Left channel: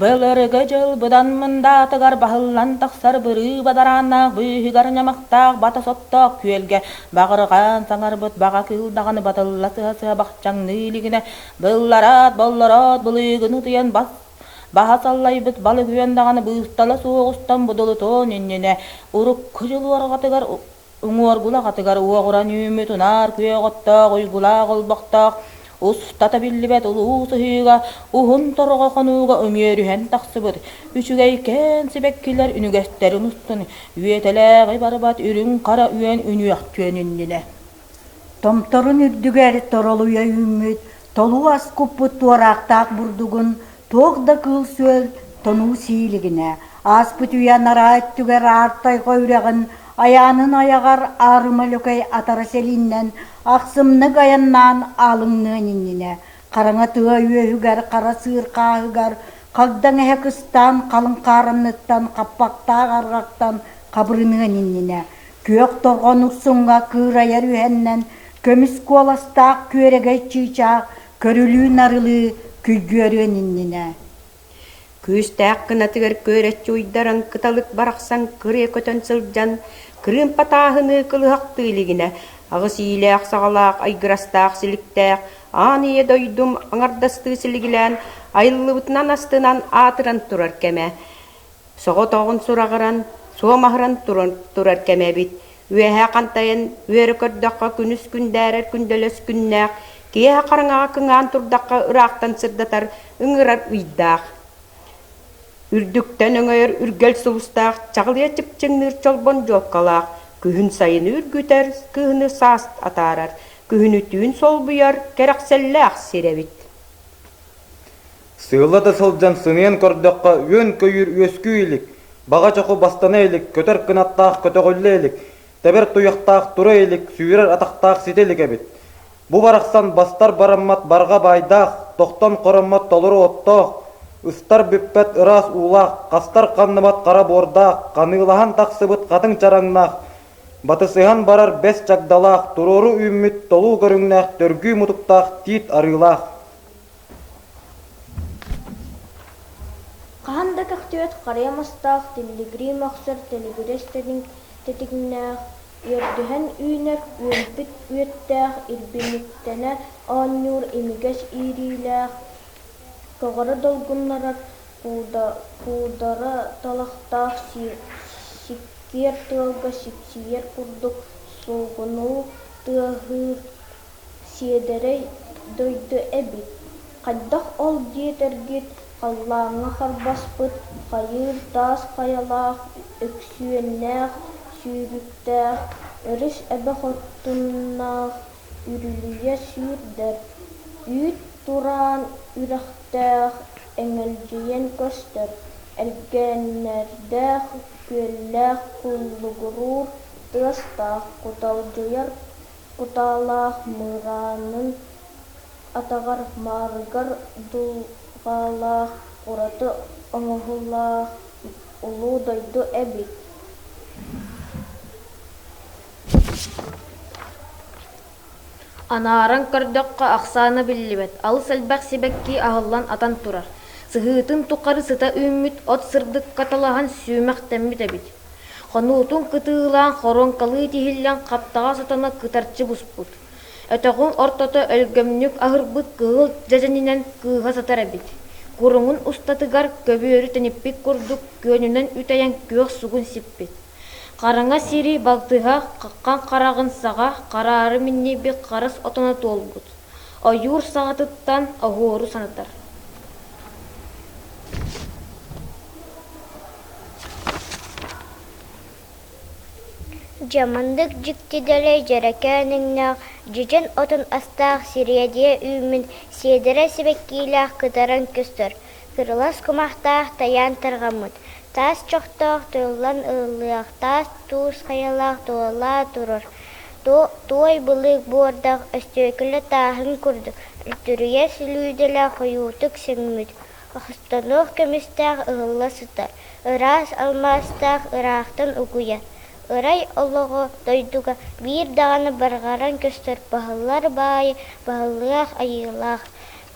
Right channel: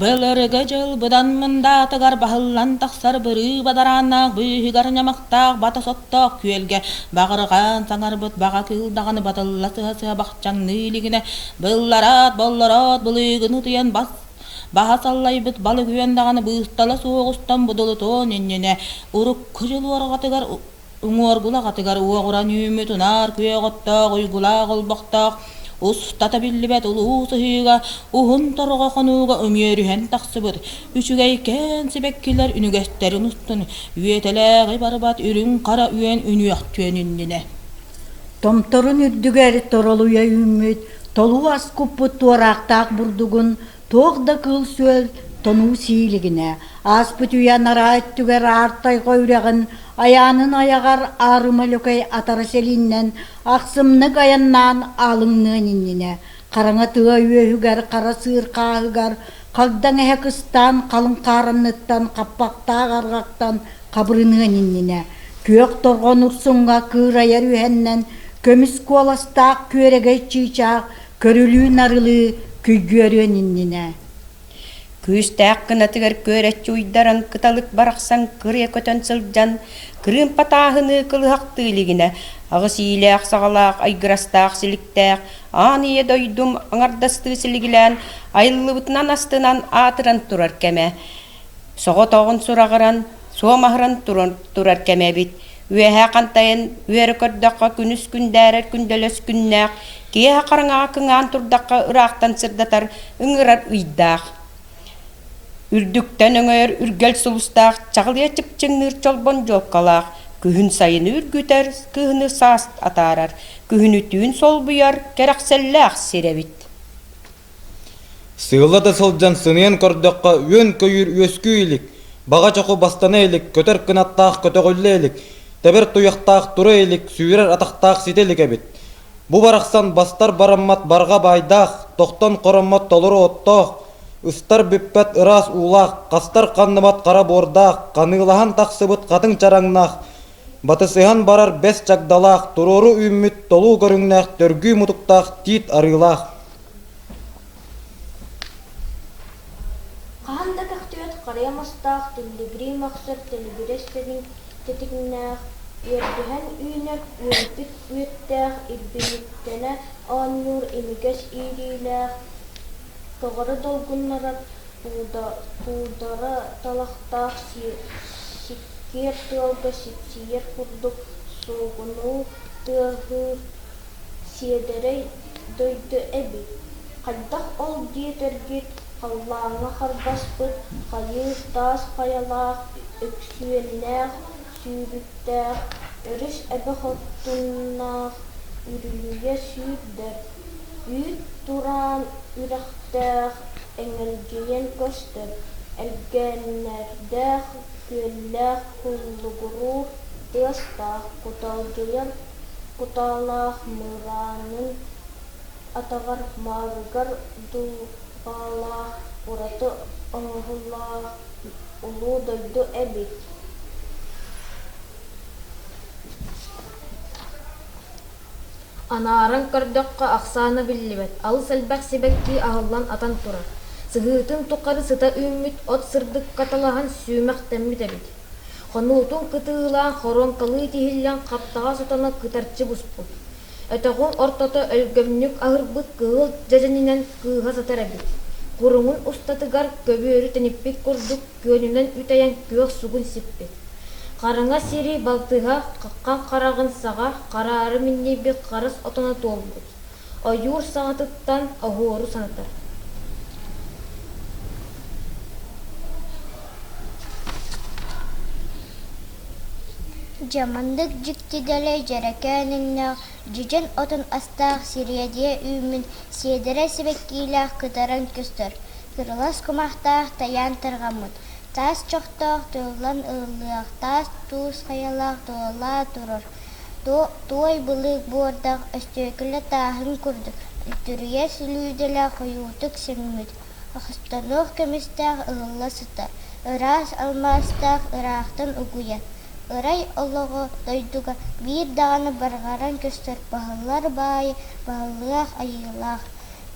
Былырыгы жыл бұдан мында тыгар бахыллан тақсар бұры бадаранақ бүйігар нямақтақ бата соттақ күйелге бағырған саңар бұт баға кылдағаны батылла сыға бақчаңны илігіне былларат болларат бұлығыны тыян бас Baha sallay bit balı güvendağını bıhtala soğustan budulutu nennene uruk kıcılvar katıgar uğur gula katıgar uğuran yümü tunar küye qottaq uygula qolbaqtaq Ustata billibet ulu sıhıga uhun torga konuga ömürühen taksıbıt Üçügeyken sibekkiler ünügetterin ustun Üyeteleği barbat ürün kara üyen ünüyak tüyenindine Tomtorun üddügeri toroluya ümmüt Tolu az kupput tuaraqtaq burdugun Toğda kıl söl tonu siyiligine, aspıt uyanar ayttüger arttay koyrağın, ayağının ayağar arımalökay atara selinden, aksımны ayannan alınnan innine, karana tığa üyehüger, kara sığır kahıgar, kagdan ehekistan, kalın karanlıktan, kappakta gargaktan, kabrının innine, kök torgon ursunga kırayar ühennen, kömüs kolastak körege çiçak, körülü narılı, Küygörün innine. Küstääk kınatıgar köret uйдарын kıtalık baraqsan kırıya kötön sılcan, kırın patahını kılıhaq tığıligine, ağız iyileğ sağalaq, aygırastaq siliktäq, aniye doydum anardastığı siligilən, ayılıbıtnan astınan atıran turar keme. Soğu toğun surağıran, soğumahıran turar keme bit. Üehe kantayan, üeri kördaqqa künüs kündərer kündölös künnäq, Kiha karanga kıngan turdakka ıraqtan sırdatar ıngırar uydaq. Ürdükten öngör ürgel sulustaq, çağlıya çıpçınır çolbon jokkalaq. Kühün sayını ürgüter, kühünü sast atarar. Kühünü tüğün sol buyar, kerakselläq sirevit. Sığıla da salcan sınıyan kordakka yön köyür ösküylik. Bağa çoku bastana elik, köter kınattaq kötögölle Teber tuyaqtaq tura elik, süyrer ataqtaq sitelik ebit. Bu baraqsan bastar barammat barga baydaq, toqtan qorammat toluru ottoq, ıstar bippet ıras uulaq, qastar qanныmat qara bordaq, qanılahan taqsıbıt qatın çarangnaq, batısıhan barar bes çagdalaq, turoru ümmüt tolu görüngnaq, törgü mutuktaq, tit arılaq. Qahanda kaxtiyot qarayamastaq, telegri maqsır, telegirestedin tetignaq, Yörtühen üner, ürbük büyüttəq, ilbinittene, anur, emiges iriləq, Toğara dolgunlarat, buğdara talaqtaq, sikker tığalga, sipsiyer kurduk, soğunu, tığır, siederey, doydu ebi. Qaydaq ol dietergit, qallağına qalbaspıt, qayır, tas, qayalaq, öksüyenləq, Sürüktär, örüş ebe xottunnaaq, ürüye sürdär. Üt turan ürektär, engelciyen köster. Ergenlerdär, küllär, kullugurur, tığastaq, kutalcıyan, kutalaq, mıranın, atağar, margar, dulğalaq, uratı, onuğulaq, ulu doydu ebit. Anaran kırdokka aksana billibet. Al selbek sibekki ağıllan atan turar. Sıhıtın tukarı sıta ümmüt ot sırdık katalahan süymek temmit ebit. Xonultun kıtığılan xoron kalı tihillen kaptağa sıtana kıtarçı busput. Öteğun ortada ölgömnük ağırbıt kığıl cezeninen kığa satar ebit. Kurumun ustatıgar köbüörü tenipik kurduk gönünen üteyen kök sugun sippit. Qaranga siri baltığa, qaqқан qarağın sağa, qararı minni bir qarız otana tolgut. Ayur sağıtıttan ahoru sanatar. Jamandık jiktidele jerekeninna, jijen otun astaq siriyediye ümin, siedere sibekkiylaq kıtaran köstör. Kırılas kumahtaq tayan tırgamut. Tas çoxtaq tuğulan ığılıyaq, tas tuğuz xayalaq tuğala durur. Tuğay bılık bordaq östüyküle tahın kurdu. Ütürüye sülüydele xuyutuk sengmüd. Axıstanıq kemistaq ığılla sıtar. Iras almastaq ıraqtan uguya. Iray oluğu doyduga bir dağını bargaran köstör. Bahıllar bayı, bahıllıyaq ayılaq.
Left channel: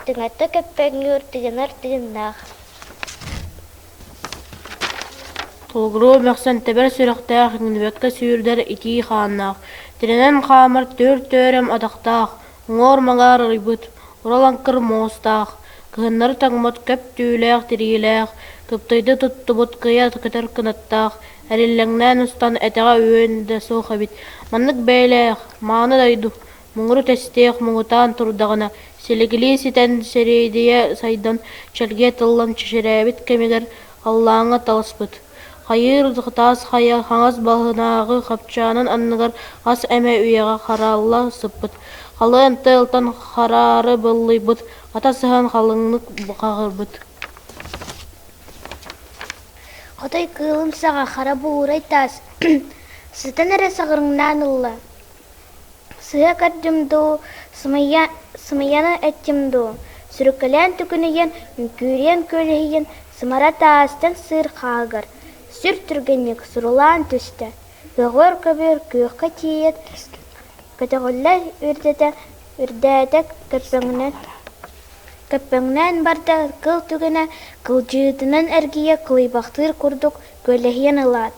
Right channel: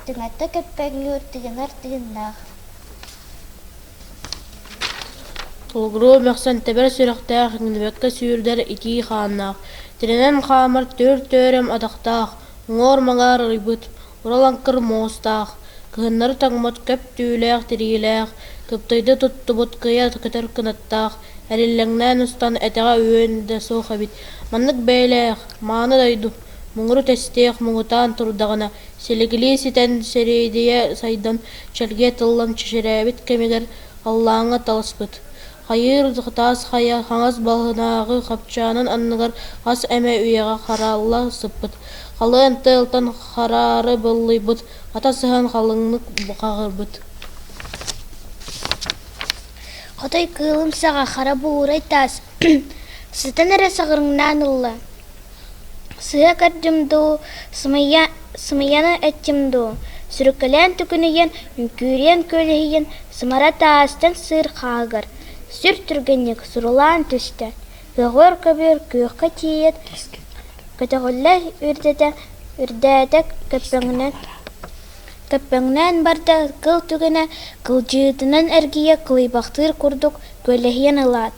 Tıngata köpengür tıgınar tıgınaq. Толгуру мәқсан тәбір сүріқтәқ еңнібәкке сүйірдер ити қаннақ. Тірінен қамыр төр-төрем адақтақ, оңор маңар рыбыт, ураланкыр моостақ. Кыһыннары таңмат көп түүләқ тириләқ, кыптайды туттубут кыя кытар кынаттақ, әрилләңнән устан әтәға өөн дә соха бит. Маннык бәйләқ, мааны дайду, мұңыру тәстеқ мұңытан турдағына, селегілі сетен серейдия сайдан чәлге тыллан чешерәбит кемегер аллаңа таласпыт. Хайыр тас хая хаңас балғынағы қапчанын анныгар ас әмә үйеға қаралла сыппыт. Қалын тылтан қарары бұллайбыт, ата сыған қалыңнық қағырбыт. Қотай кылымсаға қара буырай тас. Сытан әрі сағырыңнан ұлла. Сыға кәрдімду, сымаяны әттімду. Сүріккілен түкінеген, үнкүрен көлейген, сымара тастан сыр қағыр. Сүр түргенек сұрулан түсті. Ғығыр көбір көққа тиет. Көтіғілі үрдәдік көппіңнен барда қыл түгіне, қыл жүйетінің әргие қылайбақтыр күрдік көлейген ұлад.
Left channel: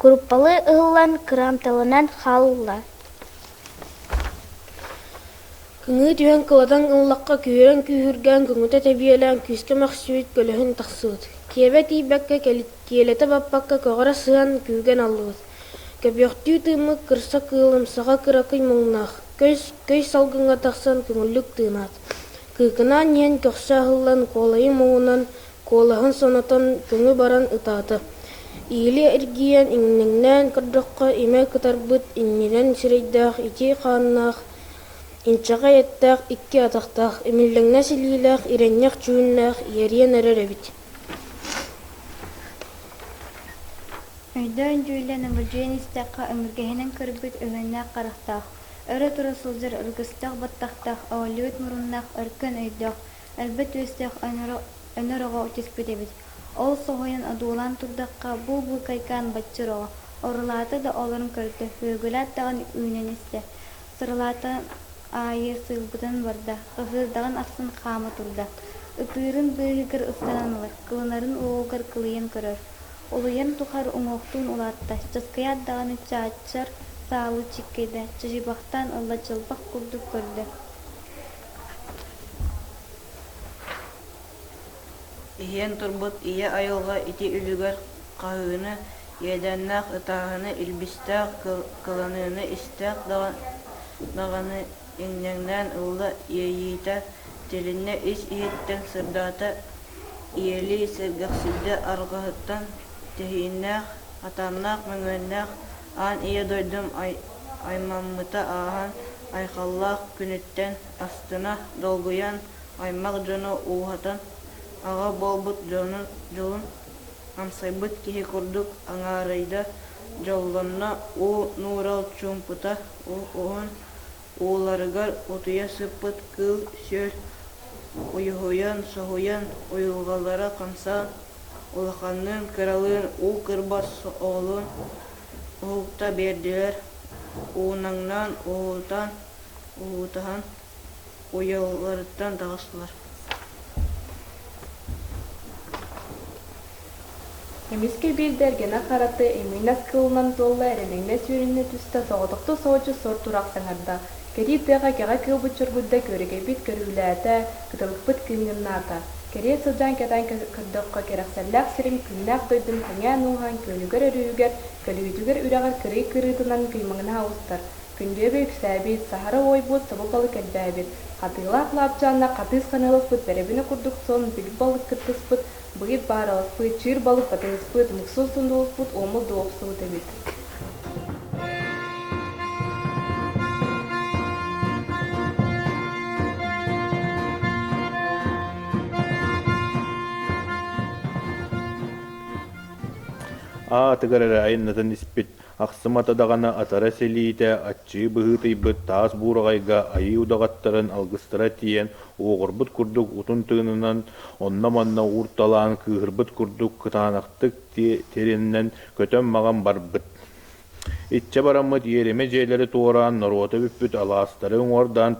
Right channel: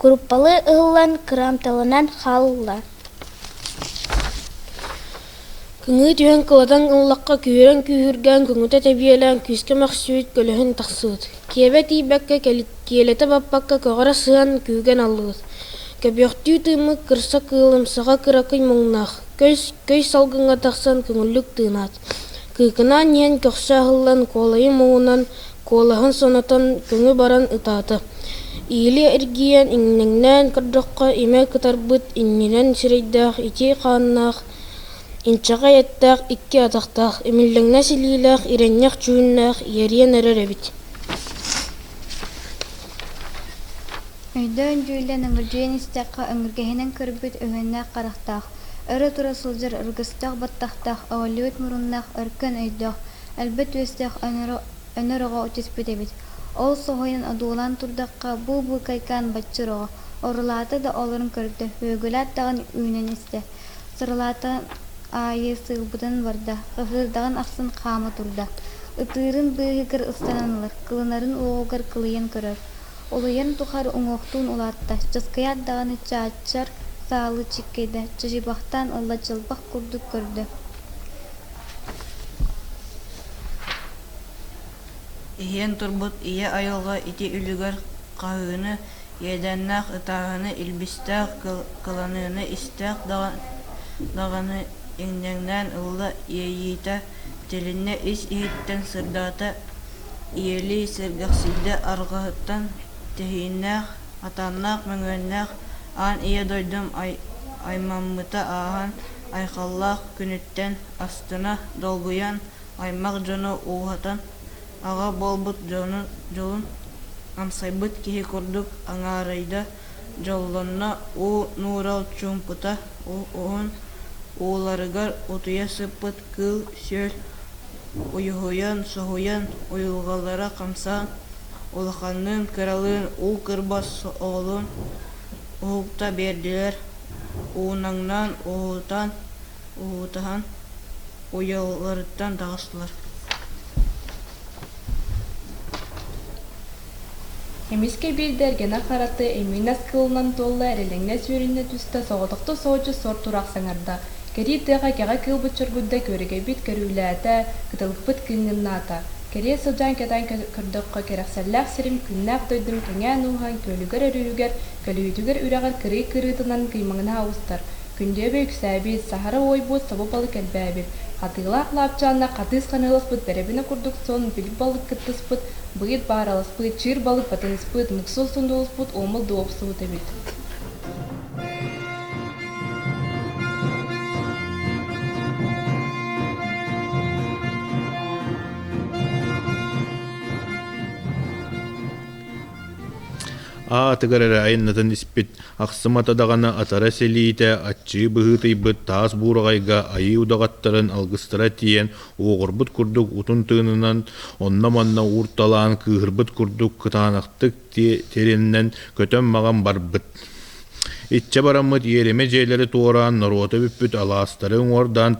Күріппалы ұғылан қырамталынан қалылар. Күңі түйен қыладан ұллаққа күйерен күйірген күңіті тәбиелен күскі мәқсует көліхін тақсуыт. Киебе тейбәкке келеті баппаққа көғара сыған күйген алуыт. Көбіқтүй тымы кырса кылымсаға кыракый мұңнақ. Көй салғынға тақсан күңілік тыынат. Күйкінан ен көқса ғылан қолайы мұғынан қолағын сонатан күңі баран ұтаты. Иілі әргиен иннеңнен кырдыққа име кытарбыт инненен сірейдақ ити қаннақ. Инчаға еттақ икки атақтақ, емілліңна селилақ, иреннеқ чуыннақ, ерен әрер әбіт. Өйдөн жуйлен ыңыржуен истаққа ыңыргehinen кырбыт өңеннақ қарақтақ. Өрі тұра сылжыр ыргыстақ баттақтақ, ауылуыт мұрыннақ өркін өйдақ, әлбет өстақ өніріға өтеспет әбіт. Ол соғайын адуылан тұрдаққа бұл кайкан батчырыға, орылаты да оларын көрді, өгіләт дағын үйнен істе. Сырылаты айы сылбыдан барда, ығырдағын ақсын қамы тұрда. Үтірін бұйығыр ұстананылыр, қылынарын оғығыр қылыйын көрір. Олыйын тұқар ұңоқтуын олатта, жасқаят дағаны чаачар салы чеккейді, чыжибақтан ұлла жылбақ күрдік көрді. Иен турбут ие айылға ити үлігер қағыны, еденнақ ытағыны илбістақ қыланыны істақ дағаны еңдеңнен ұлла иейті тіліне іс иеттен сырдаты иели сыргақсылды арғыттан тейіннақ, атаннақ, мүңөннақ, ан ие дойдым аймаммыта ағын айқаллақ күніттен астына долгуян аймақ жону уғатан аға болбут жолын амсайбыт кие көрдік аңарайда жолланна у нурал чумпыта уғын уоларыгар утуя сыппыт кыл сөл уйуян соғуян уйылғалара қамсан улаханның кыралын у кырбас оғылын уғылта берділер уынаңнан уғытахан уйылғарыттан тағыстылар. Эмиске билдергена хараты эминас кылынан толла эрелеңне сүйрүнне түстө соғдықты соочу сор турак саңарда. Кери тыга кега кылбыт чоргудда көріге бит көрүләті, кытылықпыт кынгынната. Кери сылжан кедан көрдіққа керексәлләк сирим күннәп дойдым кеңә нуған көнүгер өрүгер, көлүйтүгер үрәгәр кырый кырытынан кыймаңына ауыстар. Күнде бөйк сәбит, сахара ойбут, сабы балық әлбәбит. Қатыйлақ лапчанна қатыз қанылыспыт, бәребіні күрдік сон, білік балық кыттыспыт, бұйыт баралыспыт, чир балық батылыспыт, мұқсыл сұндылыспыт, омыл доғысыл дебет. Атыгарара айннатын испит ақсымата дағана атара селиите атчы быһытыйбыт таас буурагайга айы удагаттарын алгыстыра тиен оҕорбут курдук утун тыынынан онна-манна уурталаан кыыһырбыт курдук кытаанактык териннен көтөн маган барбыт. Итче бараммыт иереме жээлери туораан норуота бүппүт алаастары уҥуордаан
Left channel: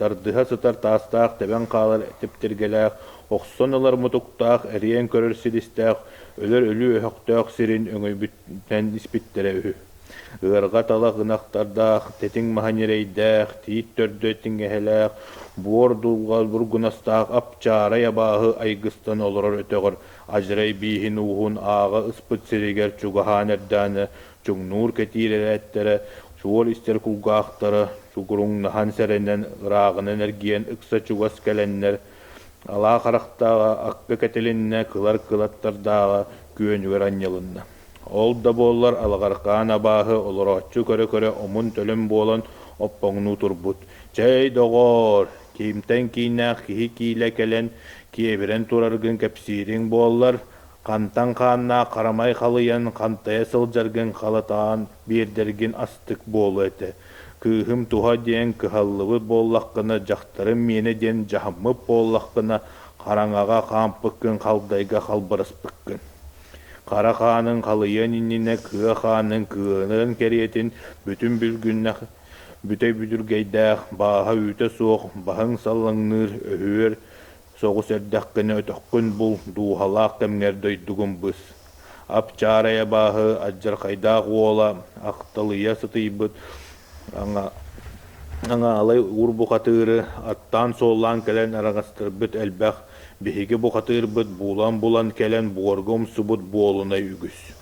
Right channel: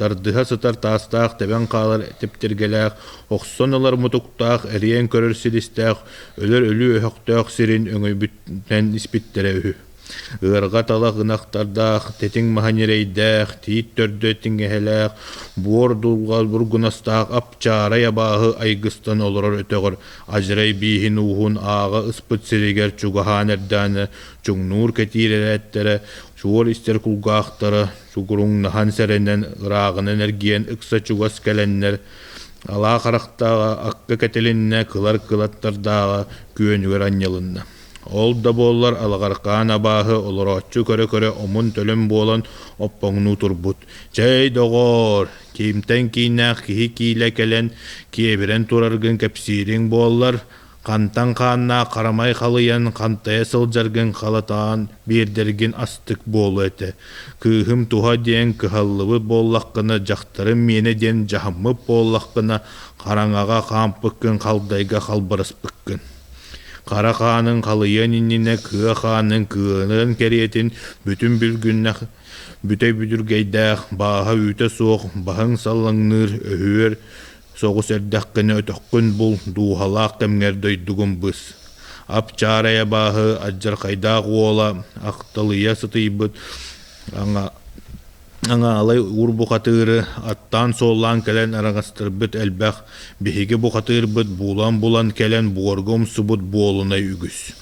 тардыха сытар тастаах тебен қалар тептергелээх, оқсон олар мутуктаах, эриен көрөр силистаах, өлөр өлü өһөктөөх сирин өңөйбүттен испиттере үһү. Ырга тала гынахтардаах, тетиң маханерейдээх, тиит төрдөтиң эхелээх, буор дулгал бургунастаах апчаара ябааһы айгыстан олорор өтөгөр, ажрай биихин уһун ааға ыспыт сиригер чугаhaan эрдааны, чуңнуур кетиирерээттері, шуор истер кулгаахтары, чугуруң нахан сәренен ыраагын энергиен ыкса чугас кэленнер, алаа харахтааға акка кетелинне кылар кылаттардааға күөнүгөр аннялынна. Ол да боллар алгаркаан абааһы олороччу көрө-көрө омун төлөм болон оппоңну турбут. Чэй догор, кимтен киннах кихи кийле келен, киеберен тураргын кепсириң боллар, кантан хаанна карамай халыян кантая сылжаргын халатаан биердерген астык болу эте. Кыхым туха ден кыхаллыбы боллаққына жақтарым мені ден жахаммып боллаққына караңага кампыккын халдайга халбырыспыккын. Кара хаанын халыян иннине кыа хаанын кыанын керетин бүтүн бүлгүннах бүтэй бүдүргейдах бааха үтө соох баһың саллаңныр өһөр соғус эрдәккыны өтөккүн бул дуухалаак темгер дойдугун быс. Апчарая бааһы аджар хайдаак уола актылыя сытыйбыт аңа алай ур бухатыры аттан соллан келен арагастырбыт элбэх биһиги бухатырбыт булан келен буоргум субут буолунай үгүс.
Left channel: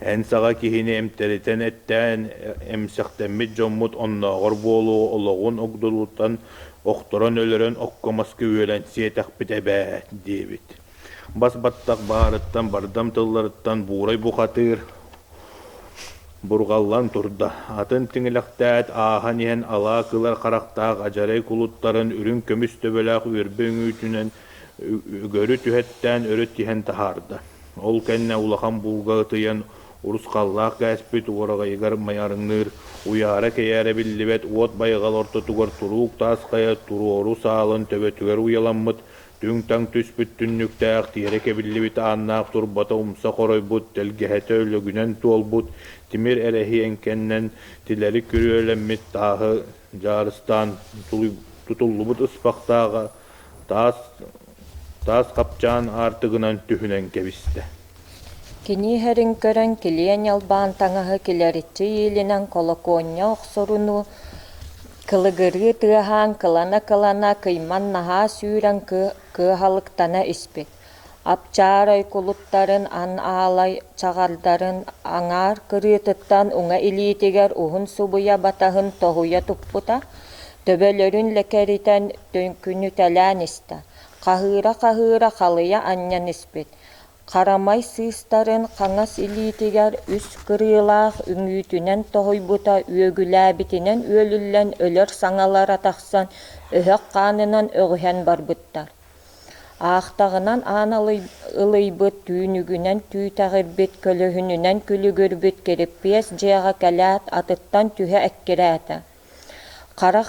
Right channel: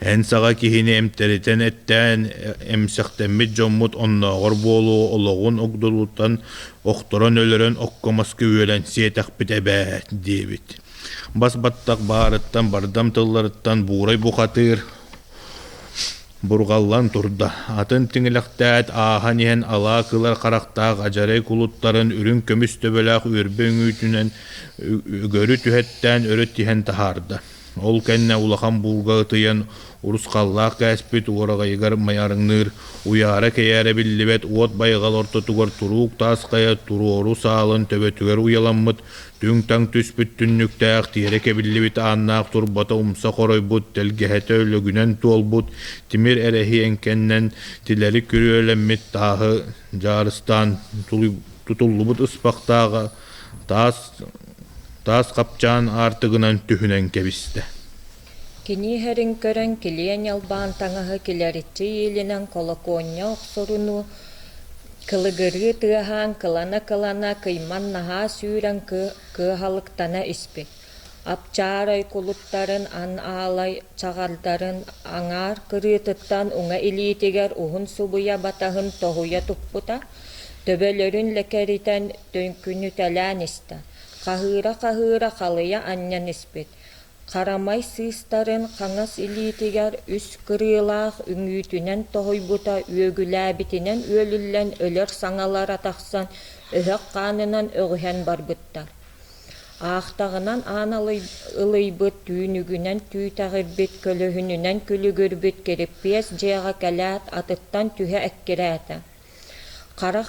Эн сага кихини эмтеритен эттен эмсехтеммит жоммут онноогор буолу ологун огдулуттан окторон өлөрөн оккомаскы үөлен сиетах битебэт диэбит. Бас баттак баарыттан бардам тылларыттан буурай бухатыр бургаллан турда. Атын тиңилэхтээт аахан иһэн алаа кылар харахтаах ажарай кулуттарын үрүн көмүс төбөлээх үөрбө үҥүүтүнэн өгөрү түһэттэн өрөт иһэн таһаарда. Ол кэннэ улахан булга тыйан урускаллаах кээспит уорагайгар маярыңныр уяара кэйээре биллибет уот байгал ортотугар туруук тааская туруору саалын төбөтүгер уяламмыт түң таң түспүт түннүктээх тиэреке биллибит ааннаах турбата умса хоройбут телгеһэтэ өлөгүнэн туолбут тимир эрэхи энкеннен тилери күрүөлэммит тааһы жаарыстан тутуллубут ыспактаага таас капчаан аартыгынан түһүнэн кебисте. Кини херин көрөн килиен ялбаан таңаһы килеритчи иилинен колоконня охсоруну кылыгырыы тыаһаан кылана кыйман наһаа сүүрэн кыахалыктана испит. Апчаарай кулуттарын ан аалай чагардарын аңаар кырыытыттан уҥа илиитигер уһун субуя батаһын тоһуя туппута, төбөлөрүн лекеритен күнүтэлээн иста. Каһыыра халыя аннян испит. Карамай сыыстарын қаңас илиитигер үс кырыылаах үҥүүтүнэн тоһуйбута үөгүлээбитинэн үөлүллэн өлөр саҥалара тахсан өһөк хаанынан öҕүһэн барбыттар. Аахтағынан аан ылыйбыт түүнүгүнэн түүтәҕирбит көлөһүнүнэн күлүгүрбүт кириппиэс дьиэҕэ кэлээт атыттан түһэ эккирээtä. Кара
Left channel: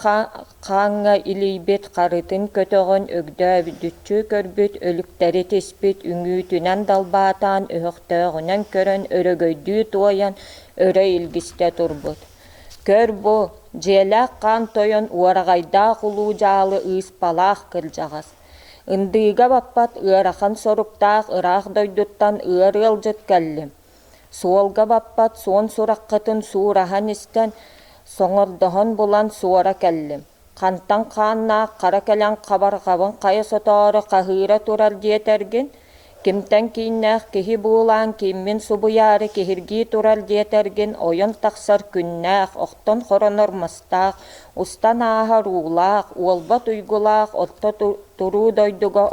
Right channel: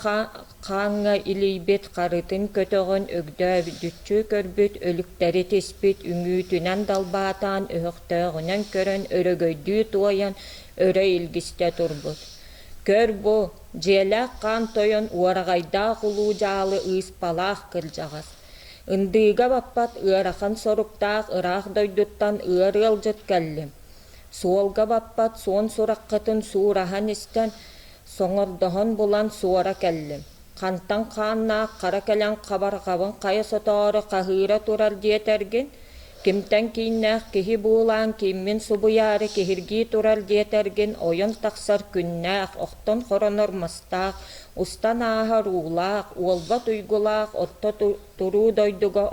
хааңҥа илийбит карытын көтөҕөн өгдөөбүтчү көрбүт өлүктери тиспит үҥүүтүнэн далбаатаан өһөхтөöҕүнэн көрөн өрөгөйдүү туойан өрө илгисте турбут. Көр бу дьиэлээх хаан тойон уарагайдаах улуужаалы ыыспалаах кырдьаҕас. Ындыыга баппат ыарахан соруктаах ыраах дойдуттан ыар ылдьыт кэллим. Суолга баппат суон сураккытын суurahan истэн соҥордоһон булан суора кэллим. Хантан хааннаах кара кэлэн хабарҕабын хайа соторо хаһыыра турар диэтэргин, кимтэн киннээх киһи буулаан киммин субуяары киһиргии турар диэтэргин ойон тахсар күннээх, охтон хоронормастаах, устан ааһа руулаах, уолба туйгулаах, отто туруу дойдуга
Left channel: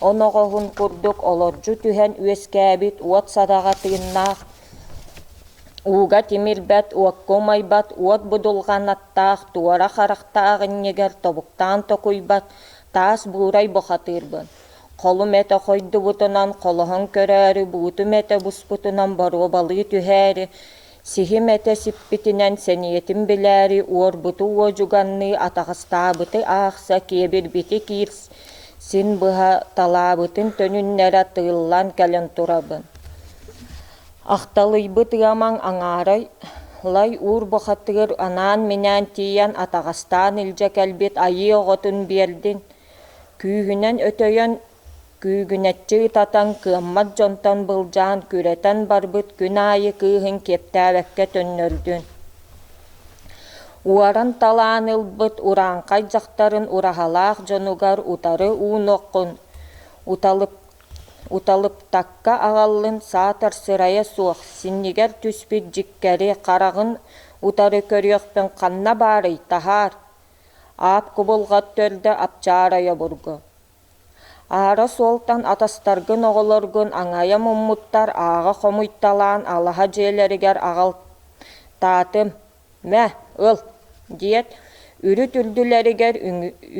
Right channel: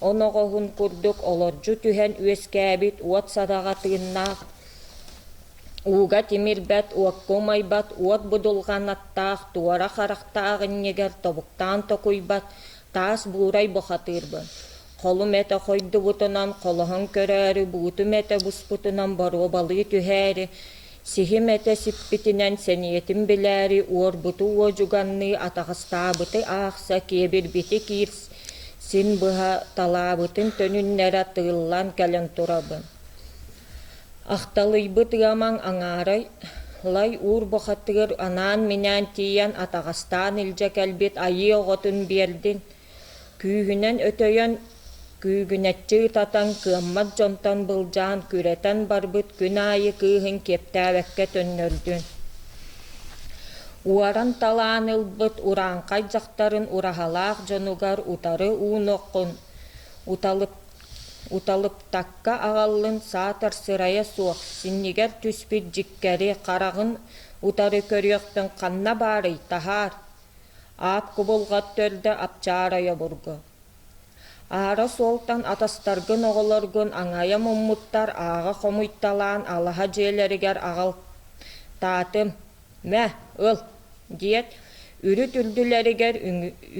оноҕоһун курдук олордьу түһэн үөскээбит уот садаҕатыыннаах, Уга тимирбет, уаккумайбат, уот будулганаттаах, туара харахтаагыннегер тобуктаан токуйбат, таас буурай бохатырбын. Холум эте хойдубутунан, холоһон көрөөрү, буутум эте буспутунан баруобалыы түһээри, сихим эте сиппитинен сениетим билээри, уорбуту уожуганны атаҕастаабыты аахса киэбирбити киирс, син быһа талаабытын төнүннэрэ тыыллан кэлэн турабын. Ахталыйбыт ыамаң аңаарай лай ур бохаттыгар анаан минан тиян атагастан илже келбит айы оғотун бердин. Күйгүнен өтөйөн күйгүнетчи татан кыаммат жонтон былжаан күретен барбыт күн айы кыыхын кептääбекке төннөрдүн. Уаран талаан ылбыт ураанкай жактарын урахалаах жонугар утары ууноккун уталыптакка агаллын саатар сырая суох синнигер түспүт жиккери карагын утары көрүөхпен канна баарый тахаар аап кубулгат төрдө апчаарая бургу. Ара солтан атастаргын оголоргун аңая муммуттар ага хомуйтталаан алаха жээлеригер агал таатым мэ ыл диет үрүт үлдүлеригер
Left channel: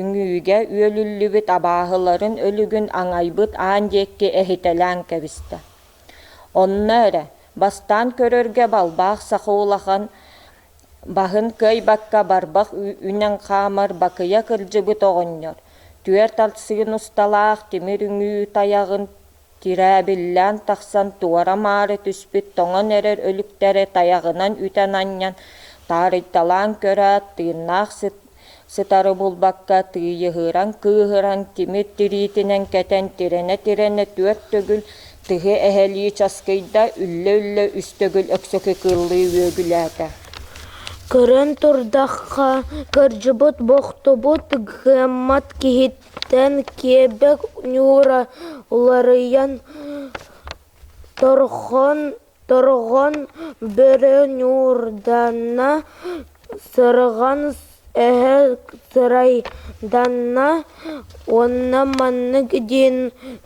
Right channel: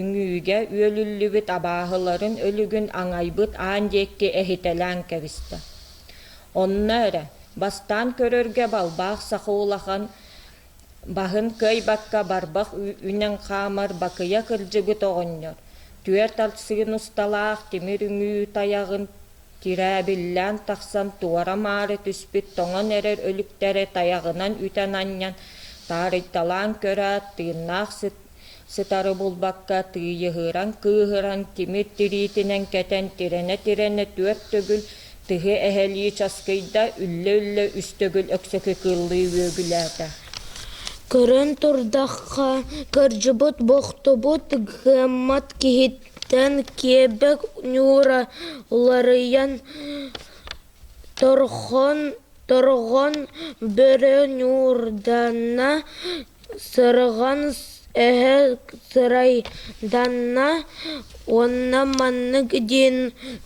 үңүүге үөлүллүбүт абааһыларын өлүгүн аңайбыт аан диекке эхителэн кебисте. Онна эре бастан көрөргө балбаах сахуулахан бахын көй бакка барбах үнен хаамар бакыя кыржыбыт оҕонньор. Түер тартсыгын усталаах тимир үңүү таягын тирээбиллээн тахсан туара маары түспүт тоҥон эрер өлүктере таягынан үтен аньян таарыйталаан көрөөт тыыннаах сытары булбакка тыйыһыран кыыһыран тимир тириитинен кетен тирене түөт төгүл тыһы эһэлии часкыйда үллө үстөгүл өксөкө кыыллыы үөгүлээте. Көрөн турдахха кыржыбыт бохтубут гыммат кихиттен кебек нюра уларыян торгон бөрө нюрданна сырган эһэ сырайданна онна маннык дин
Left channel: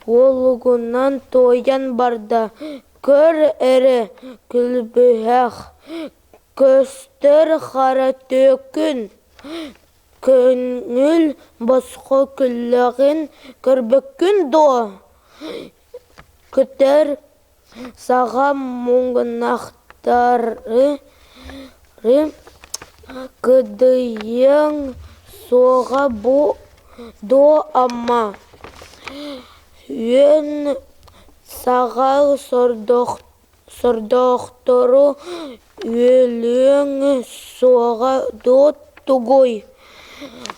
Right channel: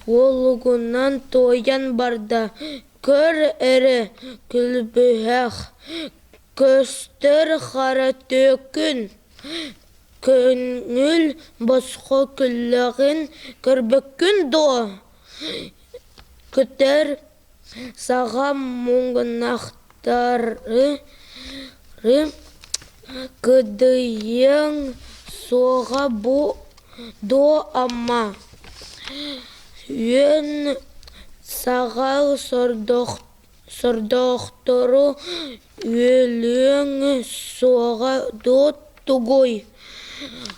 олугунан тоян барда көр эре күлбүһэх көстөр хара төкүн көңүл боско күллөгүн көрбөккүн до көтөр сага муңнахтары кыдыйың сога бу до амма үөн сага сордохтору өлөң сога до тугой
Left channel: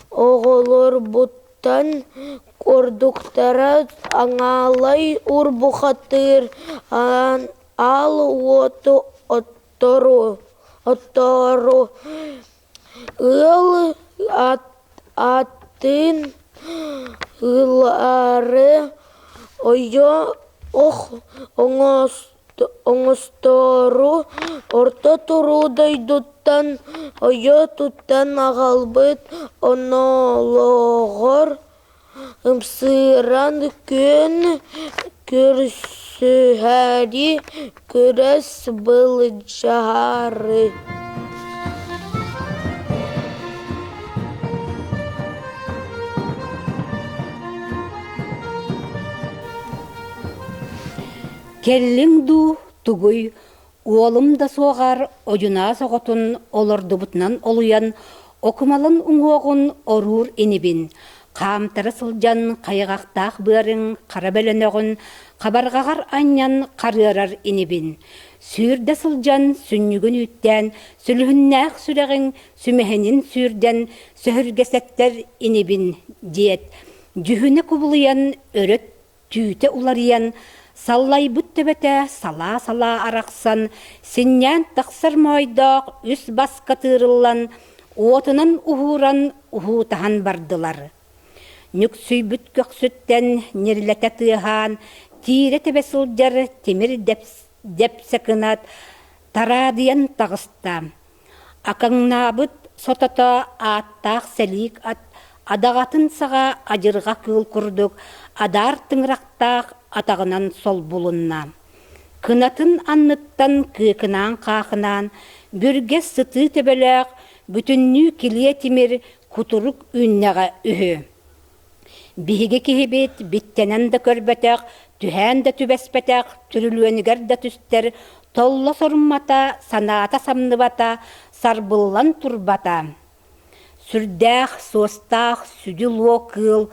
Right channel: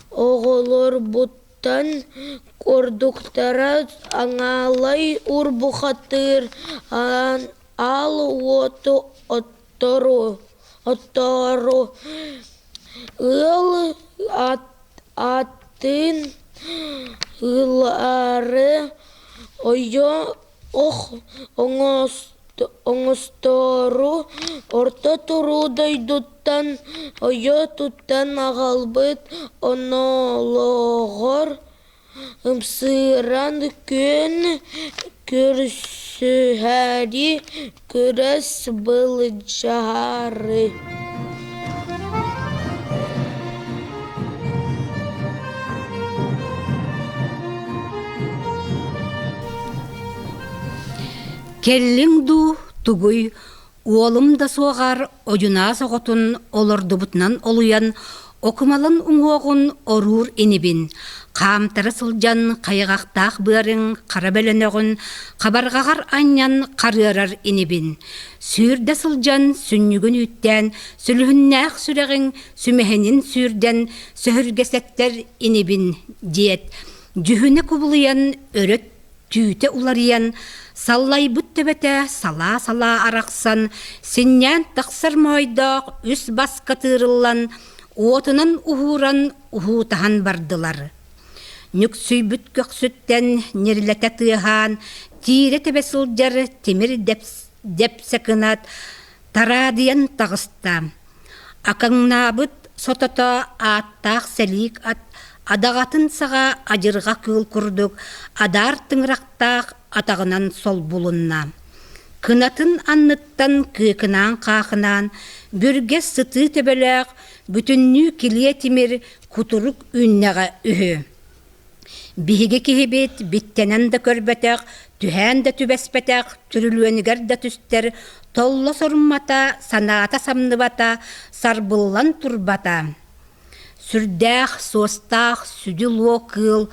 оголор буттан кордуктара аңалай урбухатыр ал оттору ыл атын ылары ойо оңостору орто турудайдуттан ойо туттан агалбыт онологор ымсыран көн көрсөһәри көрәс былжары. Келлиң ду тугуй уолум да соғар оюна соғотун олордубутунан олуян окумалын уңоғун орур инибин. Қамтары сылжан қайғақтақ бөрің қарабәлінеғын қабарғағар аньян қарырар инибин. Сүрді сылжан сүннігін үттен сүліхіннәқ сүрәғін сүмәхенін сүрден сөхіргесеттер инибин диет. Жүхіні күбілиян өрет түйті улариян саллай бүттебете сала-сала арақсан синнән тақсыр майдақ үс басқа тырылан отынан ухуран ухутахан бардылар. Нүксүй бүткөк сүттен нерлете тыхан тире тебесылжар темир депсекынат тарадыян тағыста. Акаңнабыт сотото аттақ сәлік адағатын саға ажырға кыл күрдік адар тыңрақтақ атағынан сол бұлынна. Кынатын анныттан күйкінан қақынан бүрге сыты тебелек бүтінні келе темір күтірік үннеға үхі. Биһиге киһибит биттенен да көрбөтөк, түһэн да түбэспэтэх, түрүлүөнигэр да түстэр, толло соруммата, санаата самныбата, сарбыллан турбата. Сүрдэх, суостах, сүдүлуо кыл,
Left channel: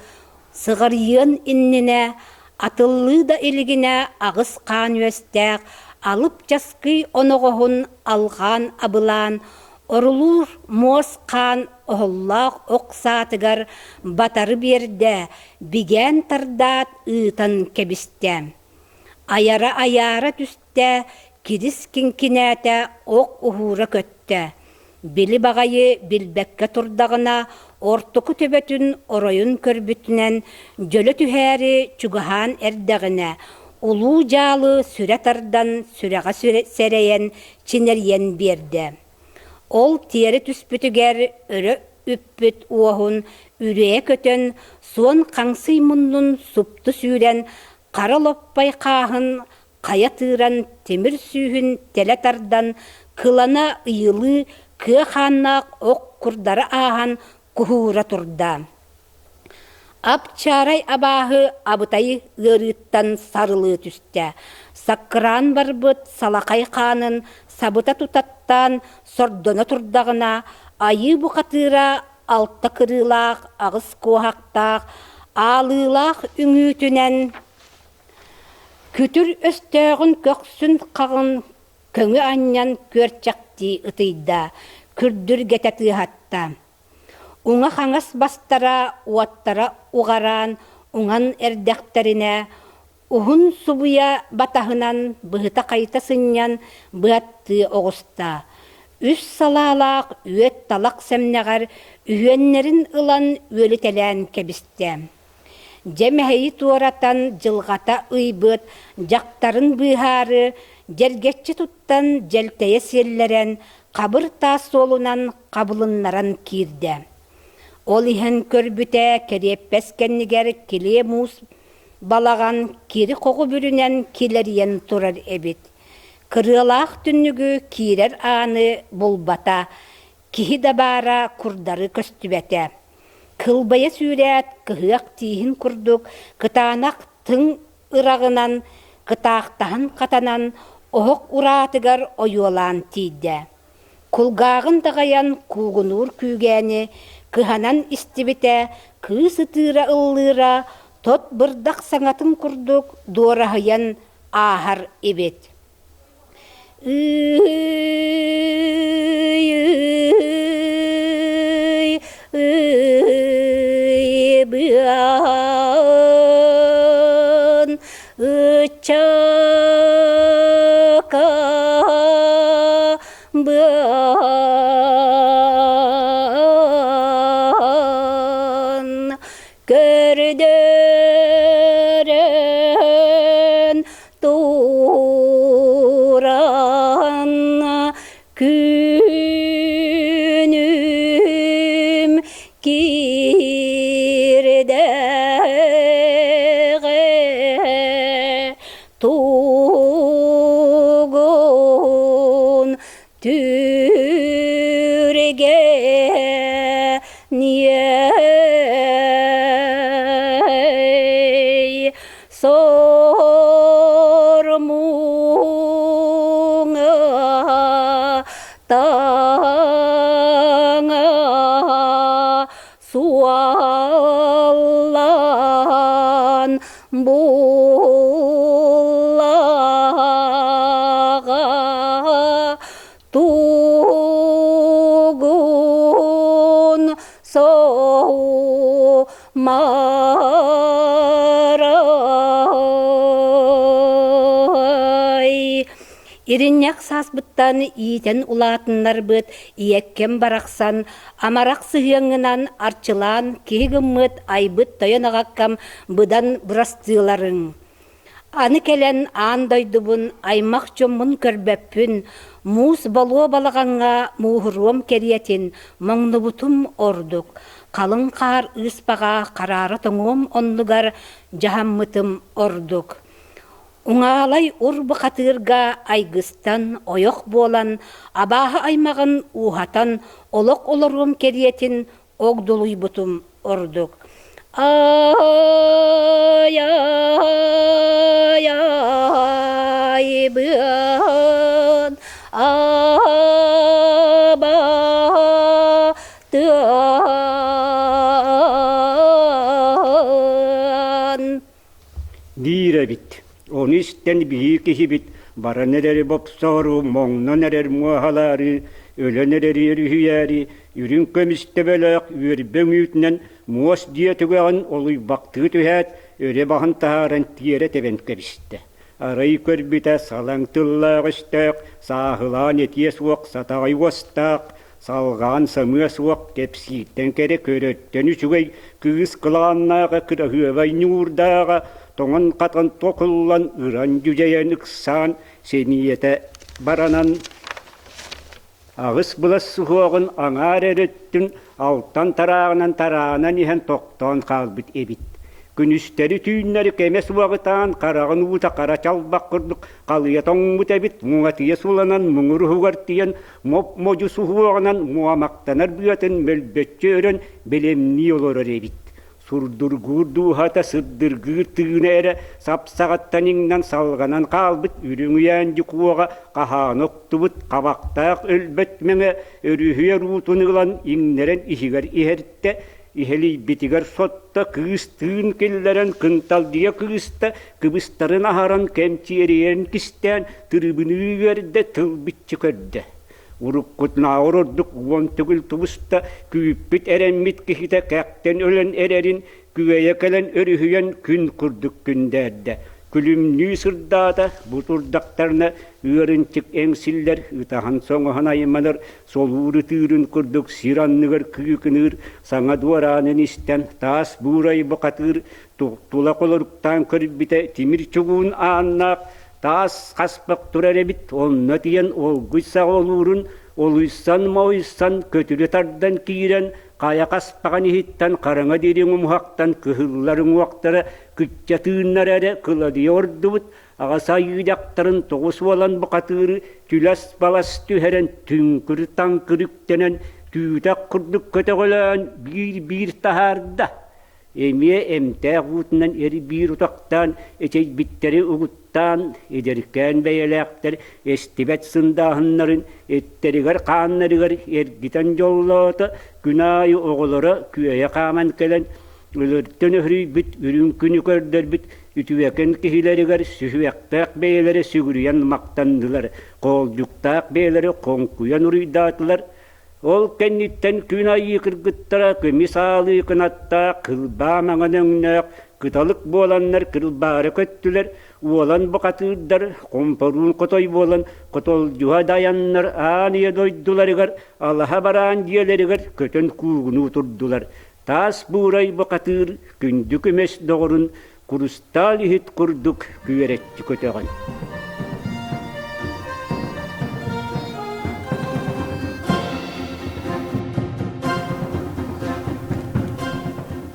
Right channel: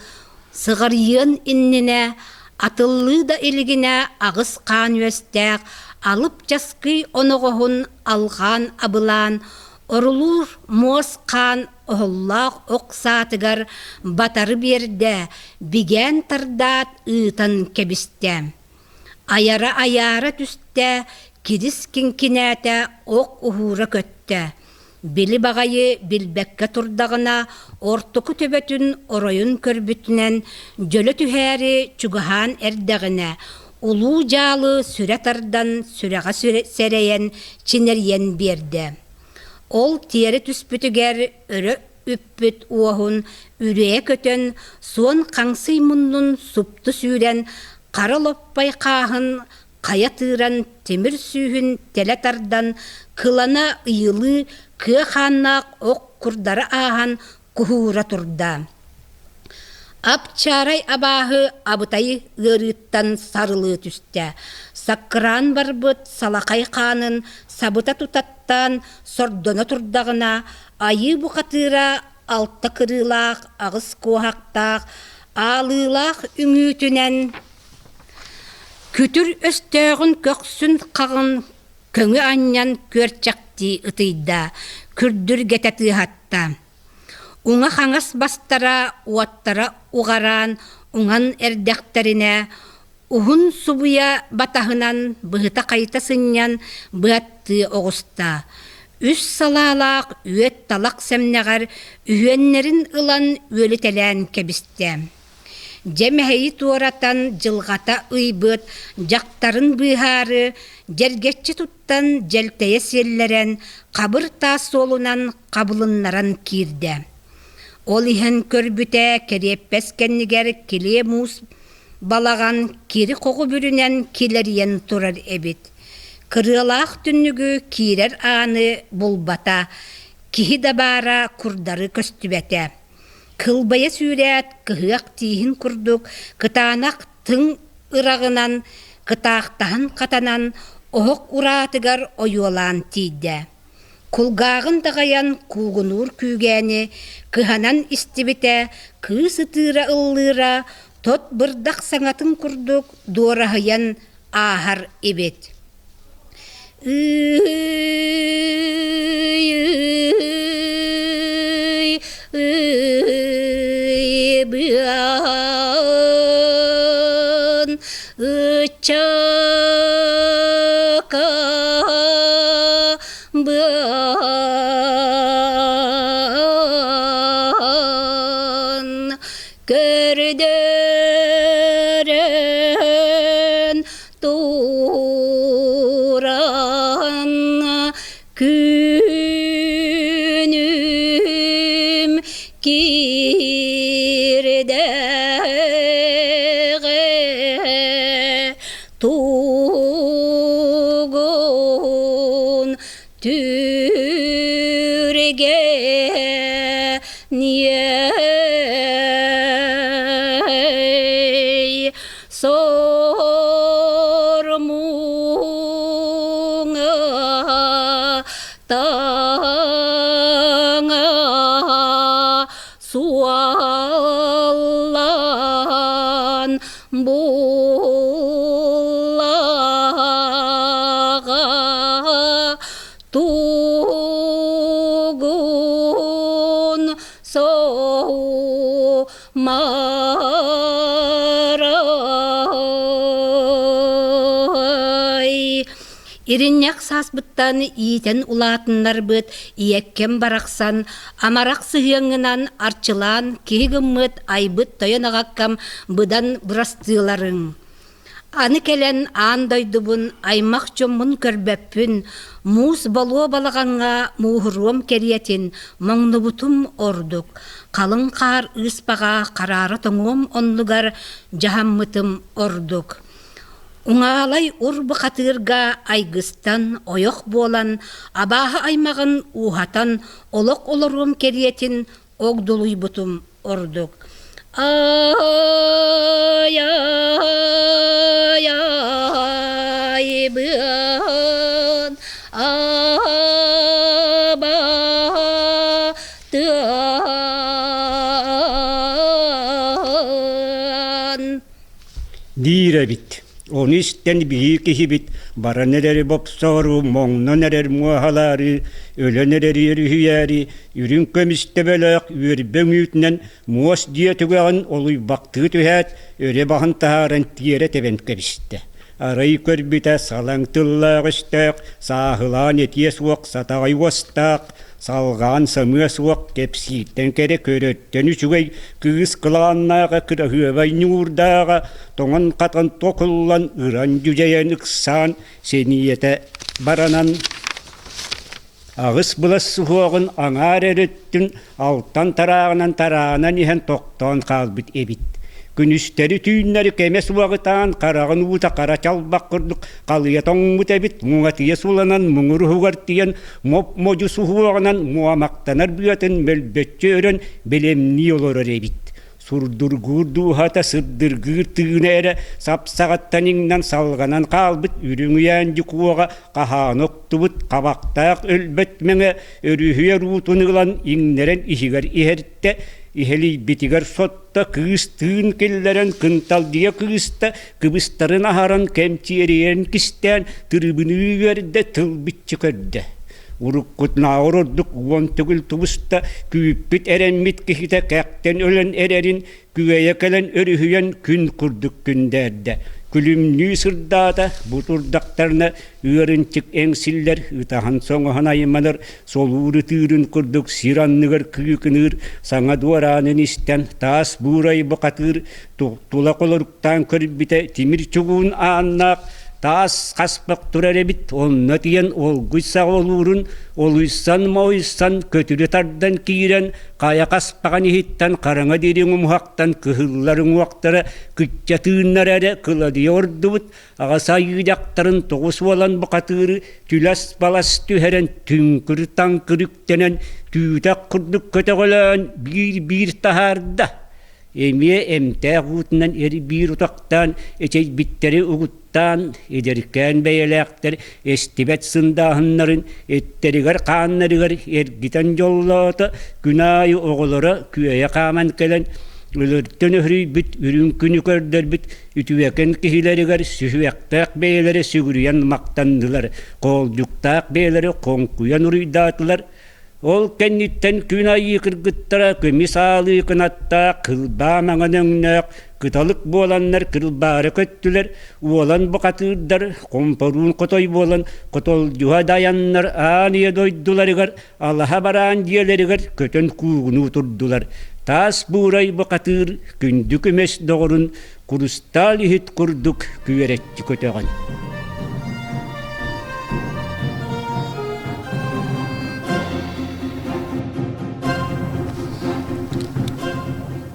сыгырйын иннине, атыллы да илигине агыс каан үөстэх, Alıp jaskı onoğuhun alğan abılan, orulur moskan ohollaq oqsaatıgar batarı berde, bigen tardat ııtan kebiste. Ayara tüste, kidis kinkinete ok uhura kötte. Bili bagayı bilbekke turdağına, ortuku töbötün oroyun körbütünen, jölö tühäri çugahan erdağına, ulu jalı süre tardan süreға sereyen çineryen berdi. Ol tieri tüspütüger örö üppüt uohun üreye kötön, son kangsый munnun suptu süren, qara loppay qahın, qaya tığıran temir sühün tele tardan, kılana ıyılı, kıa xannaq ok kurdara ahan kuhura turda. Apçaray abahı abıtayı ığırıttan sarılı tüste. Sakkıran barbıt salakay kanın sabıta tutattan sordona turdağına, ayı bu katıra altta kırılaq, ağız kohaqtaq, alılaq üngütünen. Kütür östağın köksün qağın, köngü anyan körçakti ıtıyda, kürdür getetı hatta. Uңa xaŋas bastara, uattara uğaran, uŋan erdekterine, uhun subuya batahınan, bıhıta kayta sınyan, bıhattı oğusta. Üs salalaq, üet talaq semnegar, ühenlerin ılan ölütelen kebiste. Jemeheyi tuoratan jılgata ıybıt, jaktarın bıharı, jergetçi tuttan jelteye selleren, kabır tas solunan kabılınlaran kirde. Ol ihan körbüte kereppes kenniger kile mus balagan kiri kogu bürünen kileriyen turar ebit. Kırılaq tünnügü kirer anı bulbata, kihi dabara kurdarı köstübete. Kılbaya süret kıhıaq tihin kurduk, kıtanak tın ırağınan, kıtaqtahan katanan, oğuk uratıgar oyuolan tiyde. Kulgağın dağayan kuğunur kügeni, kıhanan istibite, kıı sıtıra ıllıra, tot bırdak sanatın kurduk, doğrahayan ahar ibit. Bıan ıçaka bıan görderen turan günüm kirdeğe tuğun türge niye sormuğa tana suallan bullağa tuğun soğmaray. İrinyak sasbıttan iyiten ulatınlar bıt, iyekkem baraksan, amarak sıhıyangınan arçılan, kihigimmet aybıt toyanagakkam bıdan bırastılarың. Anı kelen an doydubun, aymak çomun körböppün, mus balığı balağanga muhurum keriyetin, moңнубутум orduk. Kalın kar ıspağa kararı toңum onlugar, jahammıtım orduk. Uŋalay urbu katırga aygıstan oyok bolan, abaha aymağın uhatan, olok olorum keriyetin, ogdoluybutum orduk. Ay ay ay bıan abatın. Dire bit. Onu isten bir kihibit, bara nereri bopsoru, moğna nerer muahalari, öle nereri yürüyeri, ürün kömiste bölök, ürben ütnen, muas diye tügeğen oluy baktığı tühet, öre bahın taharan tiyere tebent kebiste. Arayı körbite salan tıllağıştak, sahılan etiye suak satağay vastak, salgan samıya suak kepsitten kere körötten üçügey, kız kılannağa kıra hüvay nurdağa, toğan katan tokullan ıran cüceyen ıksan, seniyete baranan ağız bulas suhuağın anar erettin, alttan tarağından ihan toktan kalbit ebit. Günüsteri tüynleri kemes vağıtan, karağın uta kara çalbak kırdık, kalıya toңmut ebit, muğatiye sulanan, muğur hugartiyen, mocu suhuağınan, muamaktanar büyeten, melbetçe ören, belemni olur ebit. Surdurgurdu hata sırdırgır tığına sapsağattan iңнан salganan kalbit, ürüngüyen jikuaga, kahan oktubut, kabaktaq ölbetmene, örühüye rutunıglan, iңнерен ihigar ihertte, iheli bitigar sotta, kıstığın kelleren, kıntal diye kısta, kıbıstarın aharan, kemçi eriyen kisten, tırbını verde, tıl bitçi körde. Urukkut naururduk uon tügül tubusta, küyüppit erenmit kihite käkten ölen ererin, küveye kelen örühüyen kün kurduk künderde. Külümnü sırdada, buturdaktarına ıörınçık engsiller, ıtahan soğuhan aymanır, soluru tığırın kurduk, siranlıgır kıyıkınır, sana duaranın isten, taas buğray bakatır, tulak oluruktan körbite, timir çuğun annak, taas kaspak durar ebit, onna tiyen olguysa olurun, oluysan mauysan, kötülü tardan kiren, kaya kaspakan ihitten, karanga derin umuhaktan, kıhılların uaktara, kütçe tığınlar ere, kıla diyordubut, ağasa yıdaktarın toğus olan bakatırı, tülas balas tüheren, tünkür tankırıktenen, tüytak kurduk kötegolan, bir taharda. Emiye emtağutnan eri bir utaktan, eçey bitteri uğuttan, ederken beyelekter, estibet sındahınların, etterigar kanlarıgar, ergiten yollata, günahı oğulara, küyeye kaman kelen, ölürten öhrü bit, ürün günü kördür bit, ütüveken kihilerigar, sühüyaktak beylere sügürüyen maktandılar, kolcuktak beylere konkuyan uruydatılar, ol kennitten günayı kırgıttara, kımisalı kınatta, kılba mağanıngnak, kıtalık bolanlar kırılbara köttüler, uolan bakatırдар, komparun kotoy bolan, kotol juha dayanlar, aniye doydularıgar, Allah'a baran diyelerigar, kötön kuğunu oturdular. Tas buğray bakatır, kündük emes doğrun, kurustal hit kurduk, küyeretçi köteğen.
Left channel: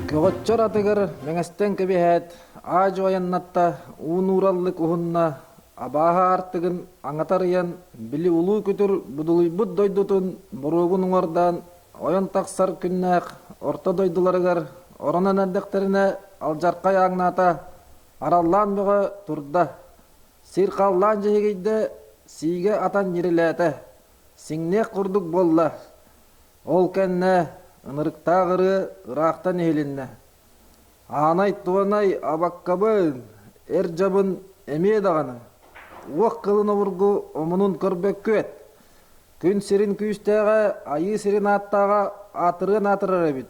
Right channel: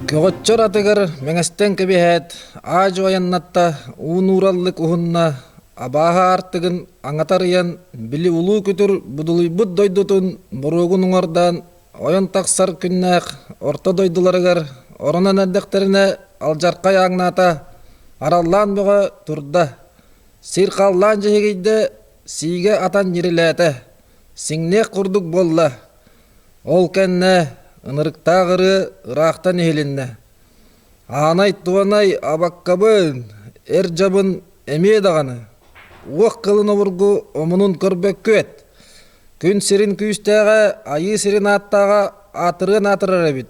Kögötçör atıgır meňesten kebihet, ajo ayannatta uunurallık uhunna, abaha artıgın aňatarıyan bili ulu kütür buduluybut doýdutun burugun uňardan oyan taksar künnäk orta doýdularıgar oranan eddekterine aljarkay aňnata arallan boga turda. Sir kallan jehigide sige atan yiriläte, siňne kurduk bolla. Ol kenne ınırıktağırı ıraqtan ehelinne. Anay tuanay abakkabın, erjabın emeye dağını. Uaq kılını vurgu omunun körbek köet. Kün sirin küyüstäge, ayı sirin attaga atırın atırır ebit.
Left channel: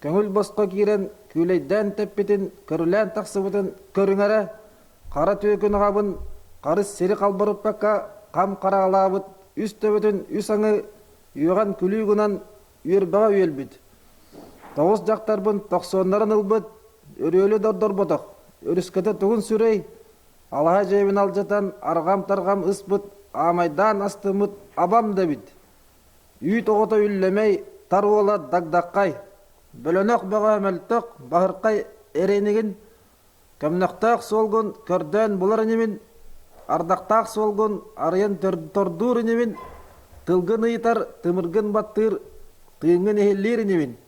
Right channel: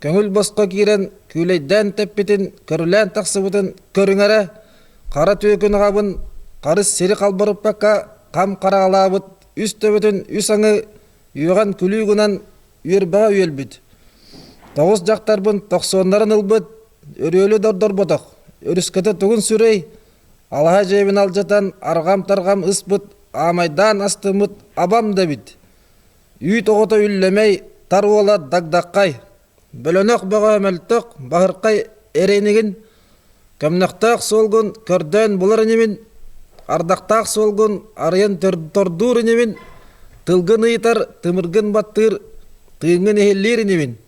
Köngül bosko kiren, küleyden teppitin, körülen taksıbıtın körüngere, kara tüökün qabın, karыс siri kalbarıp bakka, kam karağalabıt, üstöbütün üsaŋı, yuğan külügünen, Üyerbağa üyelbit. Toğuz jaktarbın toqsonların ılbıt, örüölü dordorbotok. Örüskete tuğun sürey, alaha jebin aljatan argam targam ısbıt, amaydan astımıt abam debit. Üy toğuta üllemey, tar ola dagdakkay. Bölönök boğa ömeltök, bahırkay erenigin. Kömnöktök solgun, kördön bular inimin. Ardaktak solgun, arayan tordur inimin. Tılgın ıytar, tımırgın battır, tığın ehellir inimin.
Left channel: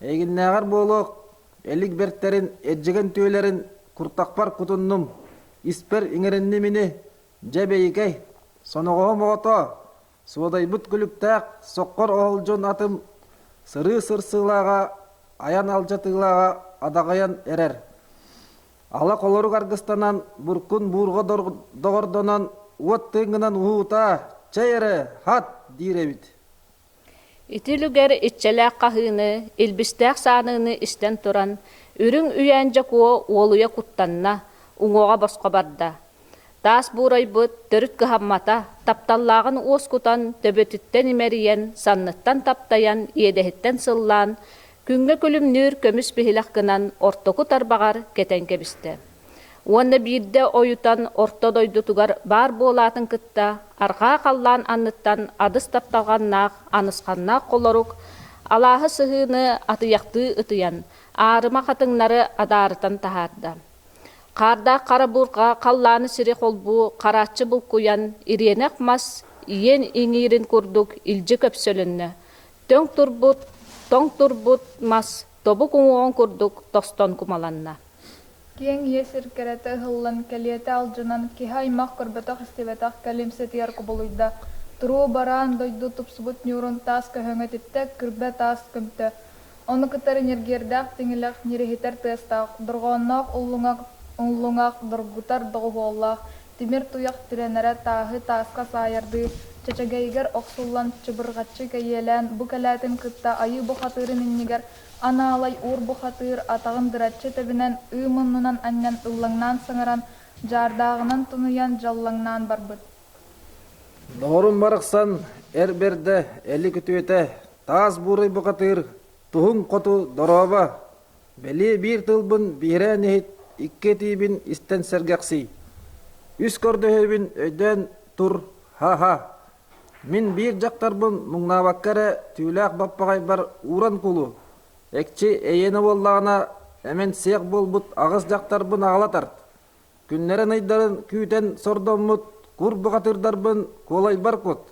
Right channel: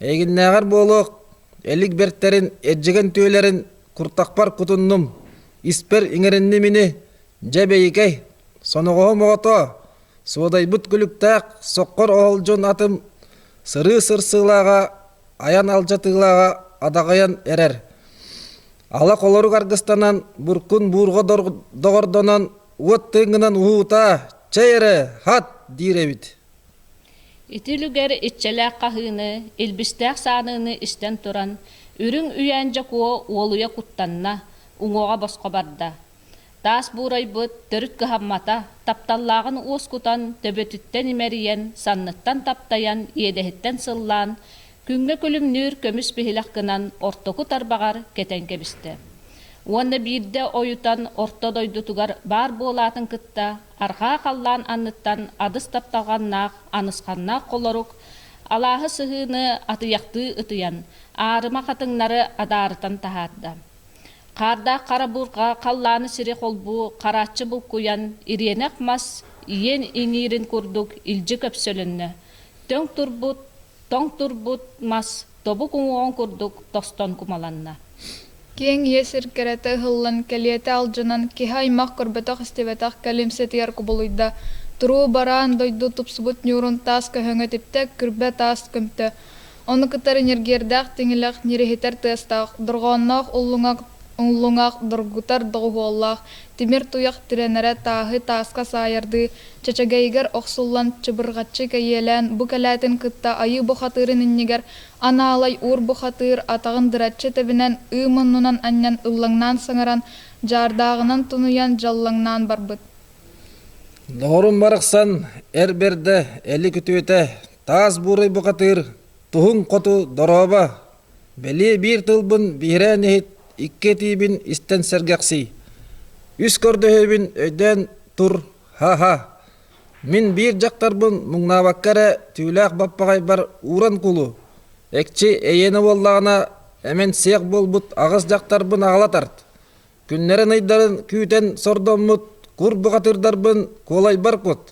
Egin nägar bolok, elik bertlerin, ejjegen tüylerin, kurtakpar kutunnum. İsper iňerinnimini, jebeyikey, sonogohu mogoto, suoday but gülüktäk, sokkor oholjon atım, sırı sırsılaga, ayan aljatığlaga adagayan erer. Ала колору аргыстанан буркун бурго догордонан уот тынгынан уута чайре хат диребит. Итилүгер итчелек кахыны, илбистек сааныны истен туран, үрүң үйәнжә куо уолуя куттанна, уңоға босқа барда. Таас бурай бұд, төрүт кыхаммата, тапталлағын оскутан, төбөтүттен имериен, санныттан таптаян, иедехеттен сыллан, күнгө күлүмнүр көмүс бихилак кынан ортоку тарбагар кетен кебисте. Уонна бирде оютан орто дойдутугар бар болатын кытта, арха қаллан анныттан адыс тапталғаннақ, анысқаннақ қолорук, алағы сыхыны атыяқты ытыян, арыма қатыңнары адарытан тахарда. Қарда қара бурға қалланы сире қолбу, қарачы бұл куян, иренек мас, иен иңирин курдук илжі көпсөлінні. Тоң турбут мас, тобу куңуон курдук тостон кумаланна. Кең есір кәрәті ғыллан кәлеті алжынан кеха имақ көрбетақ істебетақ кәлемсетер кубылыйда. Туру баран дойду тупсубут нюрун тас көһөңө типтек күрбе тас көмті. Оны кытар энергердақ теңілақ нерехетер тестақ, дұрғаннақ ұллуңақ дұргутар дұғуоллақ, темір туяқ тиренері тағы тасқа сайырды, чачагайгар оқсуллан чыбырғатчы кәйелән, бұ кәләтін кытта айы бұхатырын иннегер, ана алай ур бұхатыр атағын дыратчы тәбінен ұмыннынан аннан ұллаңнан саңаран, жардағынан тұнуян жаллаңнан барбыт. Doğrun barıqsan, erberde, eli kütüete, taz buray buqatır, tuhun qotu doroba, beli bir tılbın bihre nehit, ikke tibin isten sergaqsi. Üs kördöhebin öyden tur, ha. Min bir jaqtarbın muңnavakkara tüylaq bappagay bar uran kulu. Ekçi eyeni bollağına emen siyaq bolbut ağız jaqtarbın ağlatart. Günlerin aydarın küten sordomut, kur buqatırdarbın kolay barkut.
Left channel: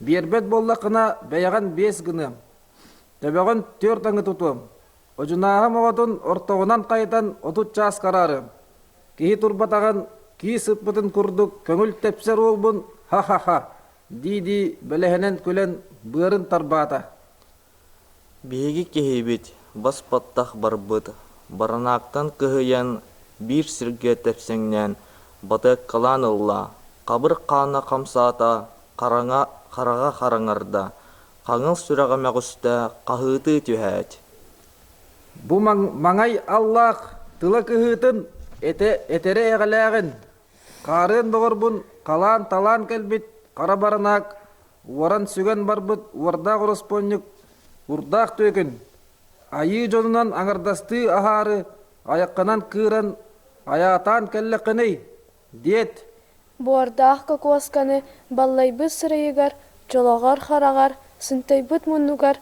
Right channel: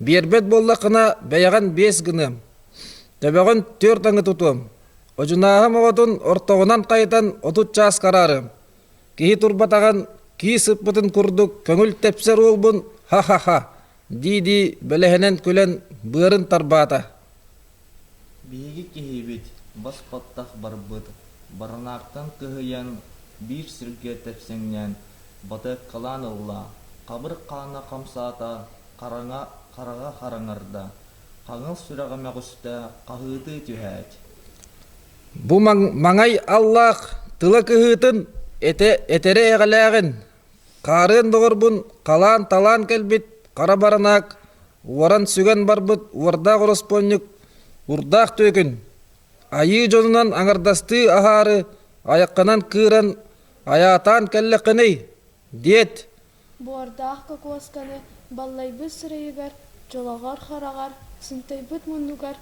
Berbet bollaqına bayagan 5 gınım. Töbegün 4 angı tutum. Ojunahım oğutun ortoğunan qaytan 30 ças kararım. Kihi turbatağın, kihi sıppıtın kurduk, köngül tepser olbun, ha. Didi belehenen külen bırın tarbata. Bihigi kihibit, bas pattaq barbıt. Baranaqtan kıhıyan bir sirge tepsengnen, batı kalan ılla. Qabır qana qamsata, qarağa qarаңarda. Qаңыл sürağa məğüstä qahıtı tühət. Bu mangay Allah tıla kıhıtın etere eğalægin. Qarın doğurbun, qalan talan kelbit, qara baranak, waran sügen barbıt, wardaq orosponyuk, urdaq tökün. Ayı jonunan aŋardasты aharı, ayaqqanan kıran, ayatan kelleqiney, diyet. Буардах кокосканы баллайбыт сырайыгар, жолағар харағар, сынтайбыт мұнугар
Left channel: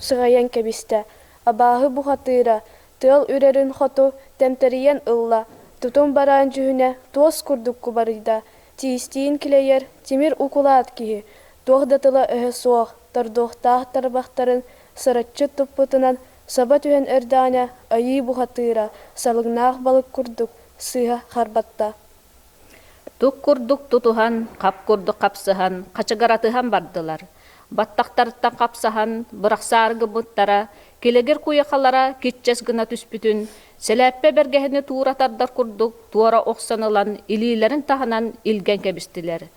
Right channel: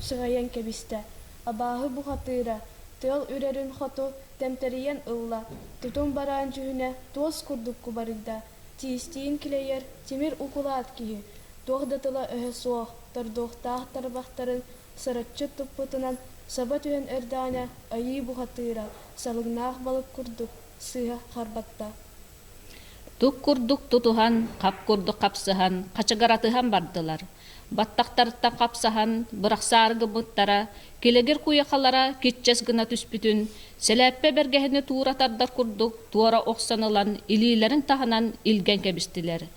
сығаян кәбісті. Абағы бұхатыра, тыл үрерін хоту тәмтәриян ылла, тутун баран жүхіне тоз күрдік күбарыйда. Тиістейін кілейер, темір укулат кихи, тоғдатыла өһі соқ, тардоқтақ тарбақтарын сыратчы тұппытынан саба түхен өрданя айы бұхатыра, салығнақ балық күрдік, сыға харбатта. Тук курдук тутухан, қап курдук қапсыхан, қачагаратыхан бардылар. Баттақтарыттан қапсыхан, бұрақсарғы бұттара, келегер куяқалара кетчес гына түспүтін, сәләппе бергехіне туратардар курдук, туара оқсанылан, илилерін таханан илген кебістілер.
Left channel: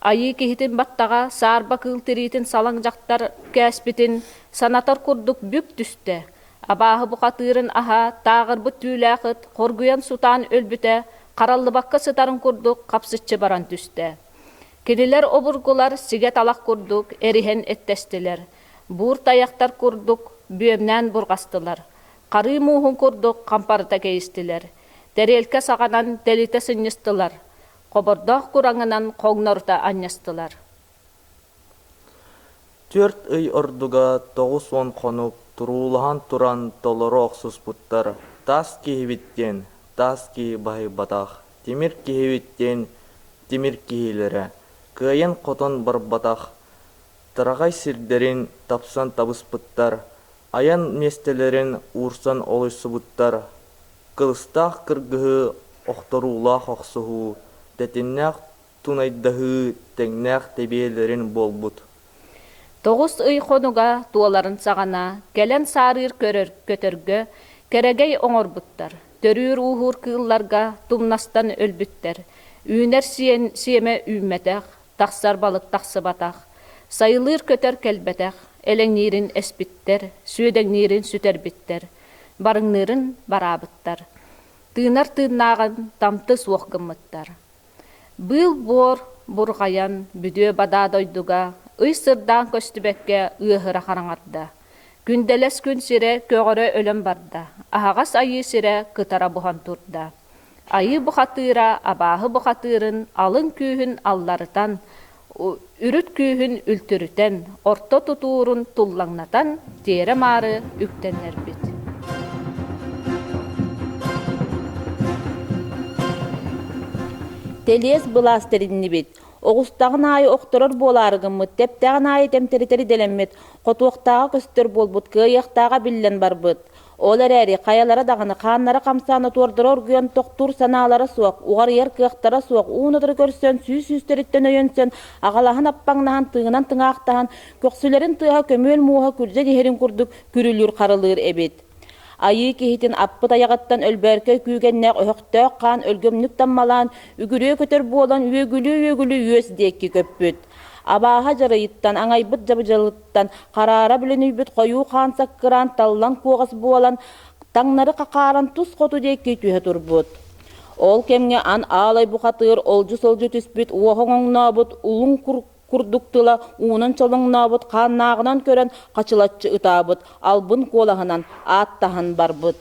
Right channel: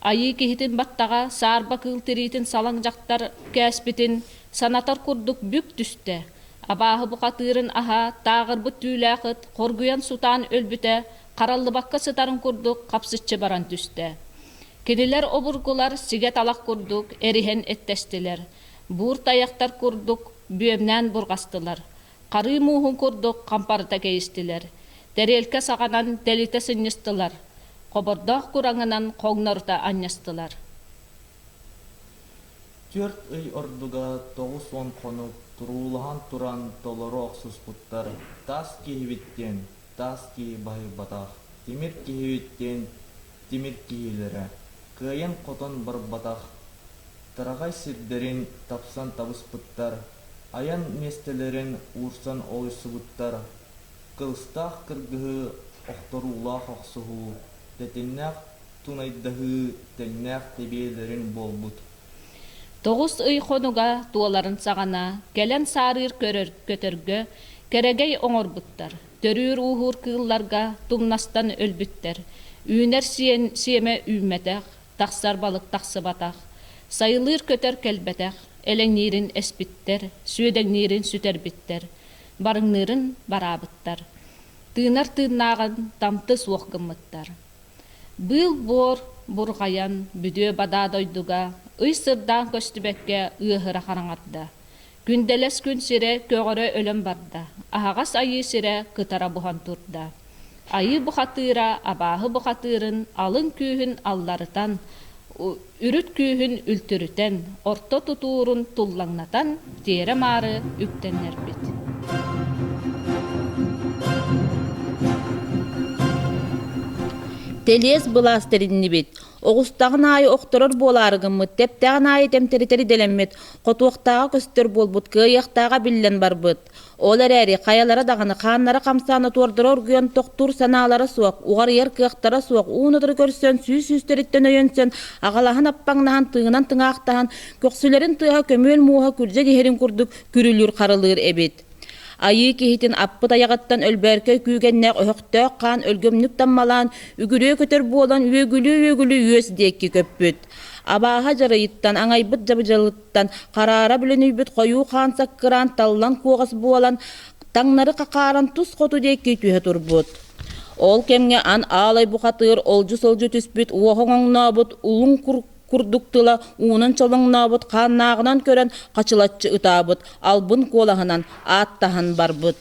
Айы кехітін баттаға сарба кылтыритін салаң жақтар кәспітін, санатар курдук бүк түсті. Абағы бұқатырын аха, тағыр бұт түйләқыт, қоргуян сутан өлбіті, Қараллыбаққа сытарын күрдік, қапсытчы баран түсті. Кенелер обыргулар сигет алақ күрдік, әріхен әттестілер. Бұр таяқтар күрдік, бүйемнен бұрғастылар. Қары мұғын күрдік, қампарыта кейістілер. Дәрелке сағанан дәліте сыннестылар. Қобырдақ күраңынан қоңнарыта аннестылар. 4 ый ордуга 9-10 қонук, турулахан туран долары оқсыз бұттар. Тас кейбіттен. Тас ки бай батақ, темір киһибиттен темір киһилері, кыйын қотон бар батақ, тырағай сирдерин тапсан табыспыттар, аян местелерин урсан олысыбыттар, кылыстақ кыргыһы оқтырулақ оқсығу, тәтімнәқ тунайдығы тәңнәқ тебиелерин болбут. 9 ый қонуға туаларын сағана, келен сарыр көтөргө, керегей оңор бұттар. Төрүр уһур кыылларга тумнастан өлбүттер. Үүнер сиеме үүмметех, тахсар балык тахсыбатах. Сайылыр көтөр келбетех, элеңнирин эспиттер, сүйөдеңнирин сүтербиттер. Барыңнырын барабыттар. Тыынар тыыннаган тамты суохгыммыттар. Был бор бургаян бүдө бада дойдуга, ый сырдан көстүбекке ыыхыра хараңарда. Күнделес күн сире көгөрө өлөм барда. Ахагас айы сире кытара бухан турда. Айы бухатыра, абаһы бухатырын, алын күүһүн алларытан, үрүт күүһүн үлтүрүтен, орто тутуурун туллаңнатан, тере мары үктеннербит. Телес быластеринни бит. Оғустағын айы оқтырыр боларығымыт, тептағын айы темтеритери деленмет, қотуақтаға көстер болбут, күйяқтаға биллен барбыт. Олар әрі қаялары дағыны қаннары қамсаны тордыры оргүйен тоқтур саналары суақ, уғар ер күйяқтары суақ, уынытыр көрсен, сүйстеріттен өйенсен, ағалағын аппаңнаған тыңынан тыңақтаған, көксілерін тыға көмел муға күрже кехерін күрдік, күрілір қарылыр әбет. Айы кехитин аппыт аяғаттан өлбәркөй күйгеннәк өһөктөк қан өлгөмнүк таммалан, үгүрөө көтөр болан үөгүлүү үөс декки көппүт. Абаха жарайыттан, аңайбыт жабыжалыттан, қарара бүлөнүйбүт қойу қан саккыран, таллан куғас болан, таңнары қақаран тус қоту декки түйе турбут. Ол кемге ан алай бұқатыр, олжу-солжу түспүт, уоғоңнабыт, улун курдуктыла, уунун чолоңнабыт, қаннағынан көрен қачылатчы ытабыт, албын колағынан аттахан барбыт.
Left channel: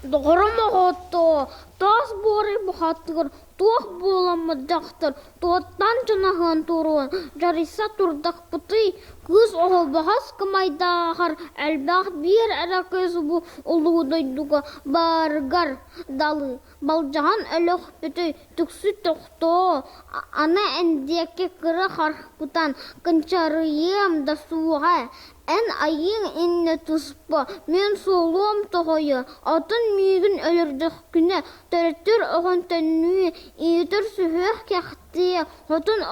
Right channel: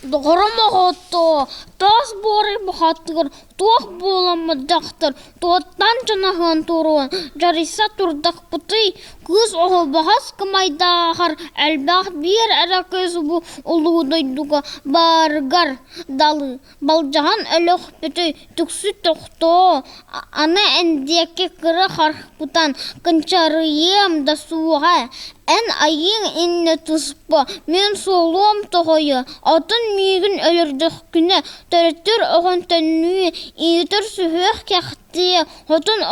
Дұғырым оғытты, тас бори бұқаттығыр, тоқ боламы дақтыр, тоғыттан жанағын тұруын, жариса тұрдық бұты, күз оғы бағас кымайдағар, әлбақ бір әрі көз бұ ұлудойдуға барғар далы, балжаған өліқ бүті, түксі тоқты, ана әндеке кірі қарқ бұтан, күнчарыйым да суға, ән айың инне тұспы, мен солуым тұғойы, атын мейгін өлірдік күні, төріттір оғын төннуі, иетір сүхек кәқті, хотын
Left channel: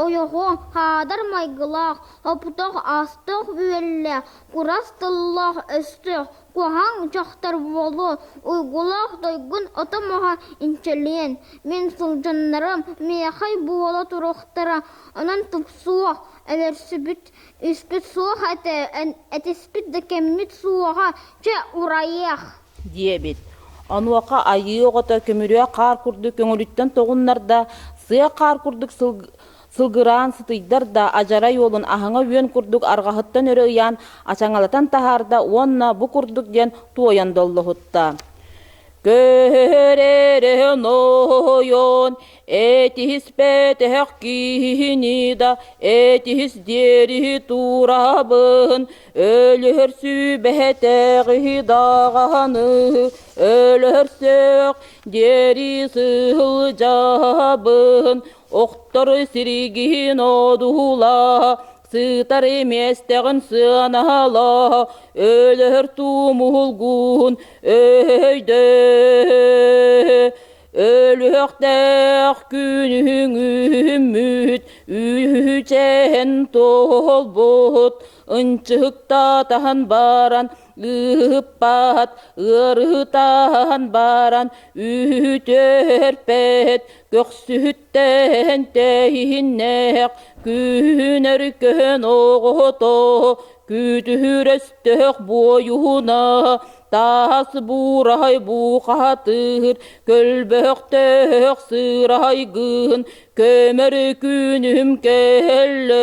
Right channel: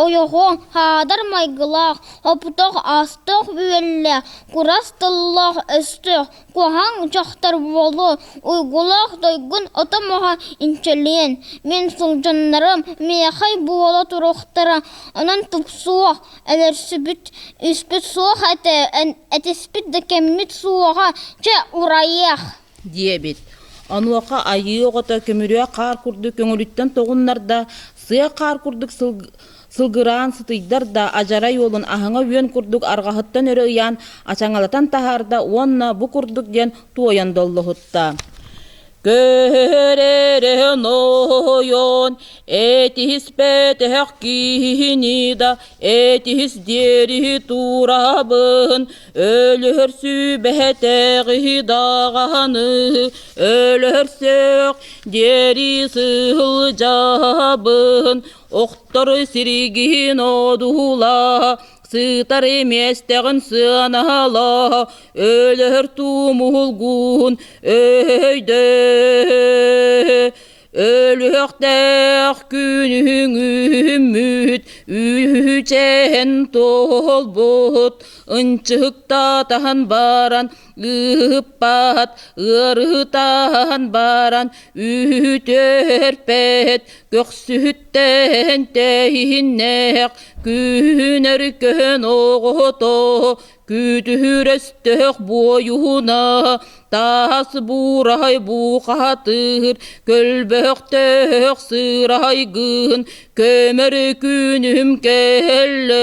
ойоғын хадар майгылақ, опытық астық үйелі, құрастыллақ өстіқ, қоған жақтар болу, ұйғылақ дойгын отамаға инчелен. Мен сұлжанларым мейхай буала тұрықтара, онан тұпсуақ, әлерсібіт, үспіт суақ әтеспіт декеммит суаға, че урайық. Диебет. Ануақа айы оғыта көмірі қар күрді көңіліттен тоғынларда, сыя қар күрдік сылгыран сытыйдар да ажара yolun ahanga үйен күрдік арғахыттан өрі ұян, ачаңалатан тахарда, онна бұ күрдік ден туоян доллы хутта. Көререн ойон, этис бетек кинида, этис дери турабын, өлір сүбетеғи дағаны, өлір сөк дери сылжабын, оқтары сиригин одула, сытар еместեղін сынала, өлір тумулгун өйді. Өліқтәқ күнің үміт, үчен толбут, ынчықтатан баран, ұппат, ұрытан баран, үтерпет, көксүттен тейіннәқ, күнер көн оғыто, күтүрөстөк бойуна, тас бурай буқатыр, көлбөктөк сырайгын, көмір күнім келле.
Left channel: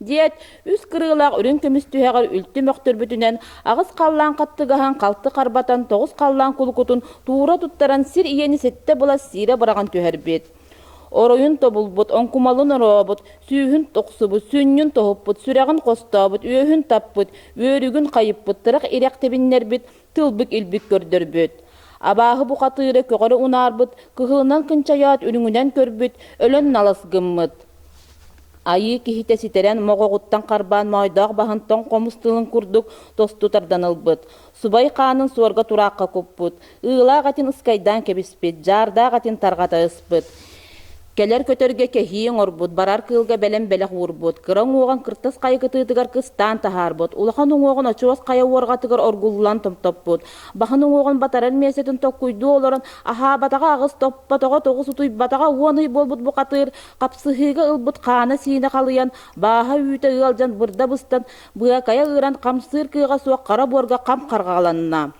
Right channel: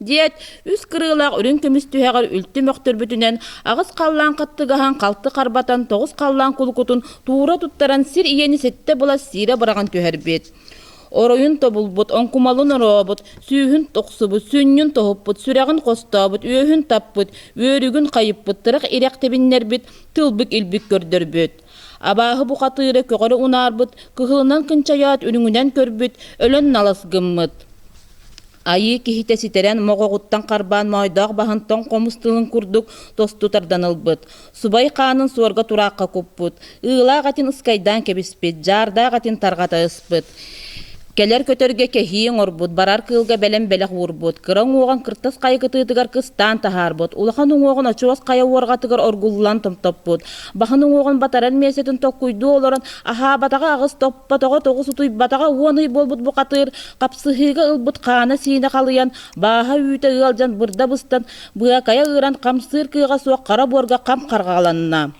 Диет, үс кырылақ үрін көмістүйәғір үлті мөқтір бүтінен, ағыз қаллан қаттығахан қалты қарбатан, тоғыз қаллан құлқытын, туыра тұттаран сир иені сетте бұла сире бұраған түйәрбет. Оройын тобулбут, онкумалын оробут, сүйін тоқсыбут, сүннін тоғыппут, сүрәғін қостабут, өйін таппут, өрігін қайыппут, тырық иректебіннербит, тылбік илбік көрдірбіт. Абағы бұқатыры көғірі унарбыт, кығылынан кынчаят үріңінен көрбіт, өлін наласгыммыт. Айы кихите ситерен моғоғыттан қарбан майдақ бағынтан қомыстылын күрдік тосту тарданылбыт. Субай қанын суарга тураққа көппіт. Ыла ғатын ұскайдан кебіспет, жарда ғатын тарғата ұспыт. Келер көтөргө кехиин орбут, барар кылга белем белек урбут, кыран оған кыртас кайгытыдыгар кыстан тахарбут, улахан оған очуас кая уоргатыгар оргуллан томтоппут, бахан оған батаран месетін токкуйду олоран, аха батага агыс топпатого тогус утуй батага уоный болбут букатыр, капсыхыга ылбут кана сине калыян, баха үйте ылжан бырда быстан, быа кая ыран камсыр кыга суак кара борга кам каргаланна.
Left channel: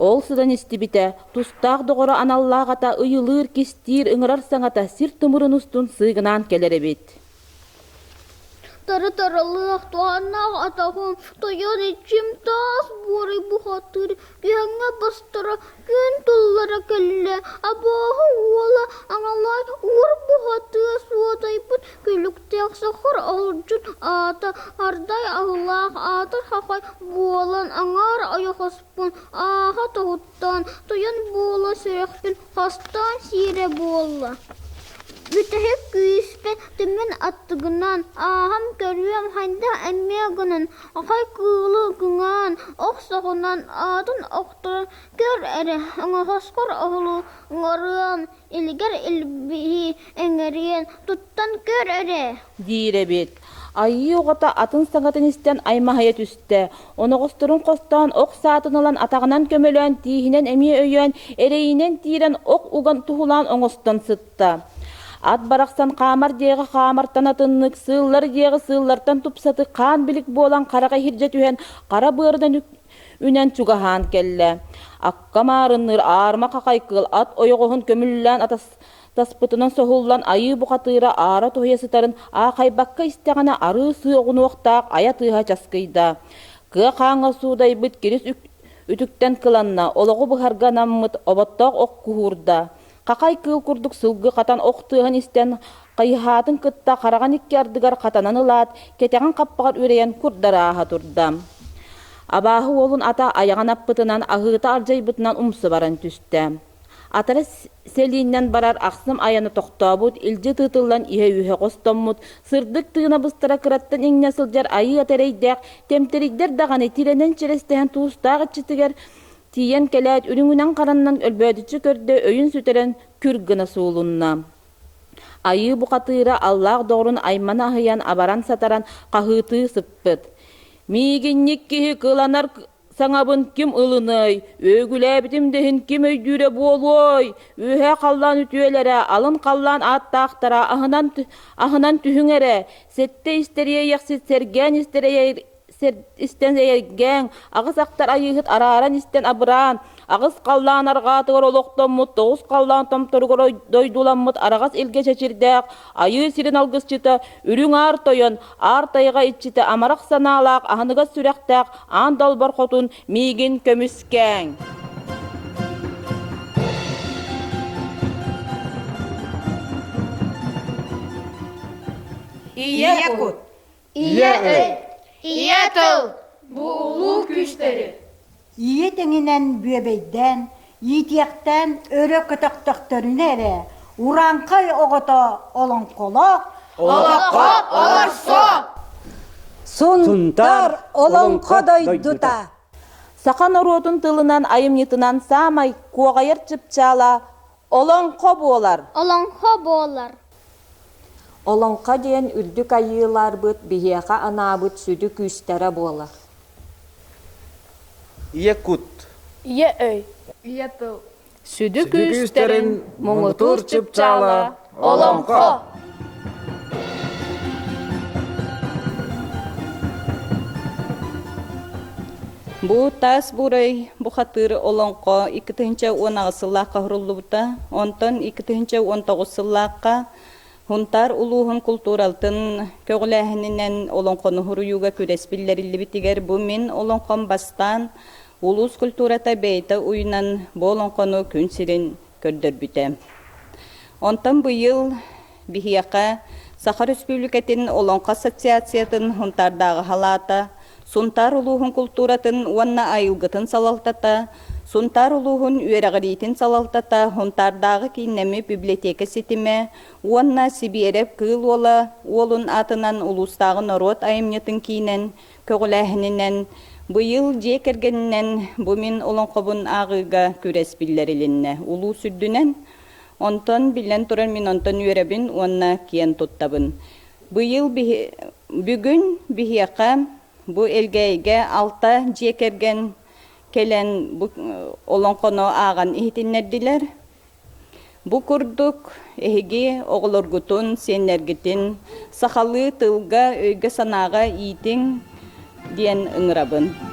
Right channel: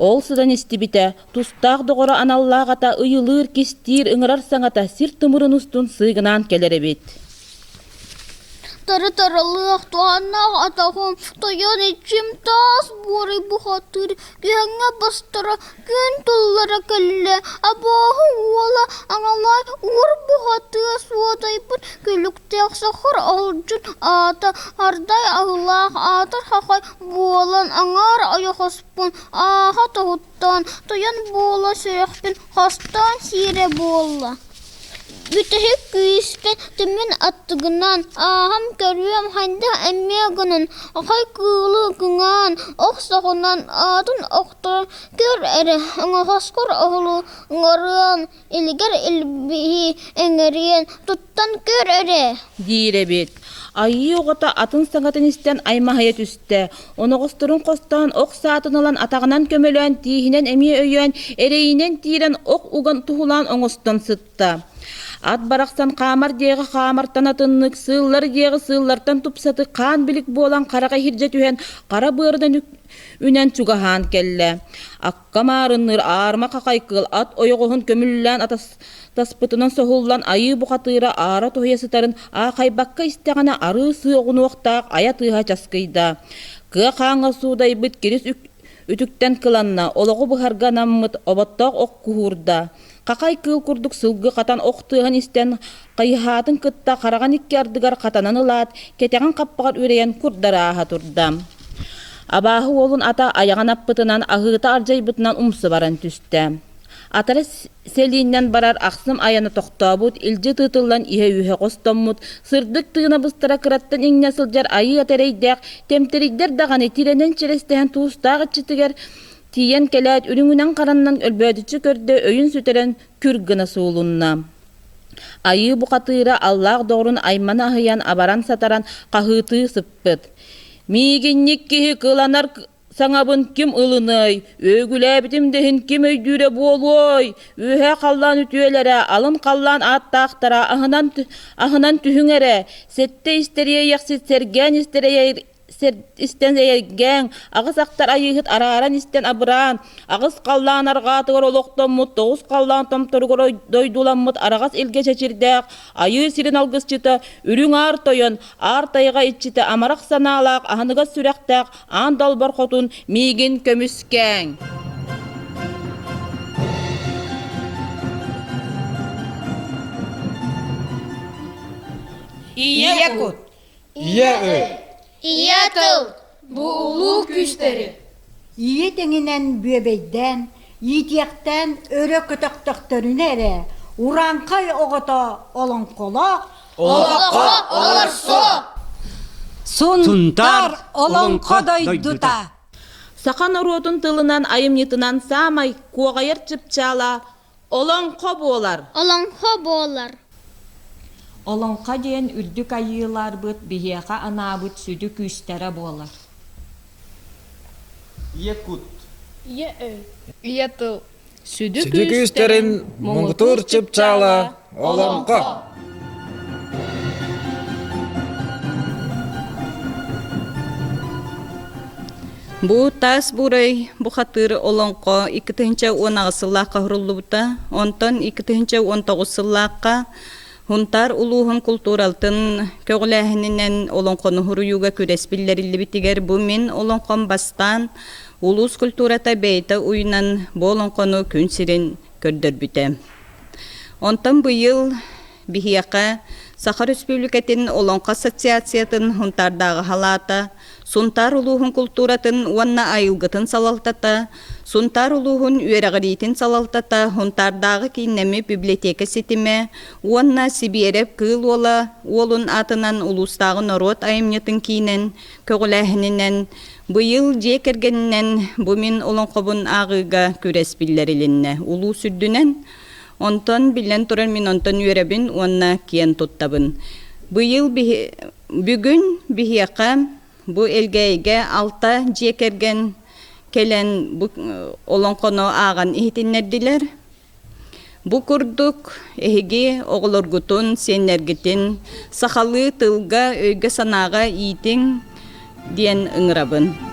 Ол сыдан истибите, тустақ доғыры аналлағата ыйылыр кестир ыңырар саңата сир тымырын устун сыгынан келеребет. Таралыах туаннақ атағым, таян ичим тас бори бұхатыр, күйәңе бастыра күн тұллара кәлі, абағы ола аңалай ұр бұхаты суатайпын, күліктеқ сақыр алжын ата, ардай ағылақ атыр хақай болан аңар аяқаспын, аға тағыттан, таян бола сөрекпін, хастан сире бола. Бүтәһе күйіспен төмен аттығынан, ағам көріем хайда әммегінін, ағай кылы күңан, оқ сағынан атын оқтыр көр әрі, аңағасқыр оғылы ыңарыан, илгер илбихи әңерien, тұттан көр әрі. Диребет. Айы оғата атын саңатын істен аймағая түсті. Оны қостырын қостан оқ саатын алан атағынан көмелен, тиінен әме өйен, әрейінен тиірен оқ уған тұғылан оңыстан сытты. Ат барақсан қамар деғі қамартан атыннық, сыллар деғі сыллартан тұпсаты қан білік болан қараға хиржет үйен қара бұрдан үнен чугахан келі. Аққа марыныр арма қақайқыл ат ойығығын көміллән таспытынан соғыллан айы бұқатыра ара тұхиясытарын ақайбаққа істеғана ары сығын оқтақ ая тыға жасқыйда. Кы қаңы судай бұт керес үтіктен кыланна, олығы бұхарға наммыт обаттақ оқ күхурда. Қақай кыл күрдік сылғы қатан оқтығын істен қайхатын кытта қараған икке ардыгар қатанан ылат, кетеген қаппағар үрейен күрдара аға тұрда. Абағы олын ата аяған аппытынан ағыта аржай бұтынан умсы баран түсті. Атары селиннен барар ақсым аяны тоқтабыт, илжі тытылан ihe үйе қостаммыт, сырдық тыгына бұстара кыраттан еңне сылжар айы атерейдек, темтерейдер дағаны тиренен черестеген туыстағы чытыгер, тиен келет үрүңүнен караннан өлбөдүчү көрдө өйүн сүтерен күргүна суулунна. Айы букатыра Аллах doğrun аймана ахыян абаран сатаран кахыты сыппыт. Мигинник кихи кыланар саңабын ким ылыной, өгүләбитим дехин ким өйдүре болой, өһә қаллан үтүелере, алын қаллан аттақтара, ахынан түхүңере, сетте истерие яқсит серген истерие истен зәйерген, ағыз ақтар айығыт араран истен абыран, ағыз қаллан арғатығыр олықтамыт, тоғыз қаллан тамтырғыр дойдуламыт, арағыз елге чәчірдәк, айы сирен алғыз чыты, үрің ар тойын, ар тайға итчіті, амарақ саналақ, ағыныға сүрәқтәк, андал бар қотын, мейгін көміскәң. Иякут. Иетыл, bu ulu küsteri. Иетеңінен бөбейден, етектен өрі күтіқтіқтірін әрі, уранқай оғыта олың қолақ, Олаққа оларсо. Сунтар олыңқа дойдута. Сақан оротын тылынан айымнетынан самай, коғайыр чыпчала, олыңқа болар. Олаңқа болар. Олонқа дейін үрдік айылар бұд, бігеға анабыт сүді күстері болар. Иекут. Иеөй. Иетыл. Сүді күстерін мұңытыр чыпчала, олонқа. Бу тас бурай бухатыр олонко 2-10 кахруллубута, онтон 2-19 Хунтар улуһун культуралтын көгөләһинен олонкону хуруюга күреспиллерилли битигер бу мен олонкон бастан улус культурата бейта уйнан болонкону күнсирин көрдөрбүтэ. Онтон быйыл бихияка Сахар Республикатын олонко ассоциациятын хунтардагы халата, Сунтар улуһун культуратын уанна айылгытын салалтата, Сунтар улуһун үерагыритин салалтата, хунтардагы киннеми библиотека сетиме, уанна Сибирев кыл ола, олун атынан улустагы народ айымнетін кейнен, көгіләхінінен, быйыл жекергеннен бумин олонқобун ағыга күреспиллерилинне, улу сүрдүнен, Onton bilen turun min onton ürebin onna kiyen tuttабын. Бүгүн бихияка бу элгейге алта жекерген келен олонконо аган ихтиннердилер. Бу курдук эһиги оголоргутун сеннергитин сахалы тылга өйгө санага иитин диен ыңырабын.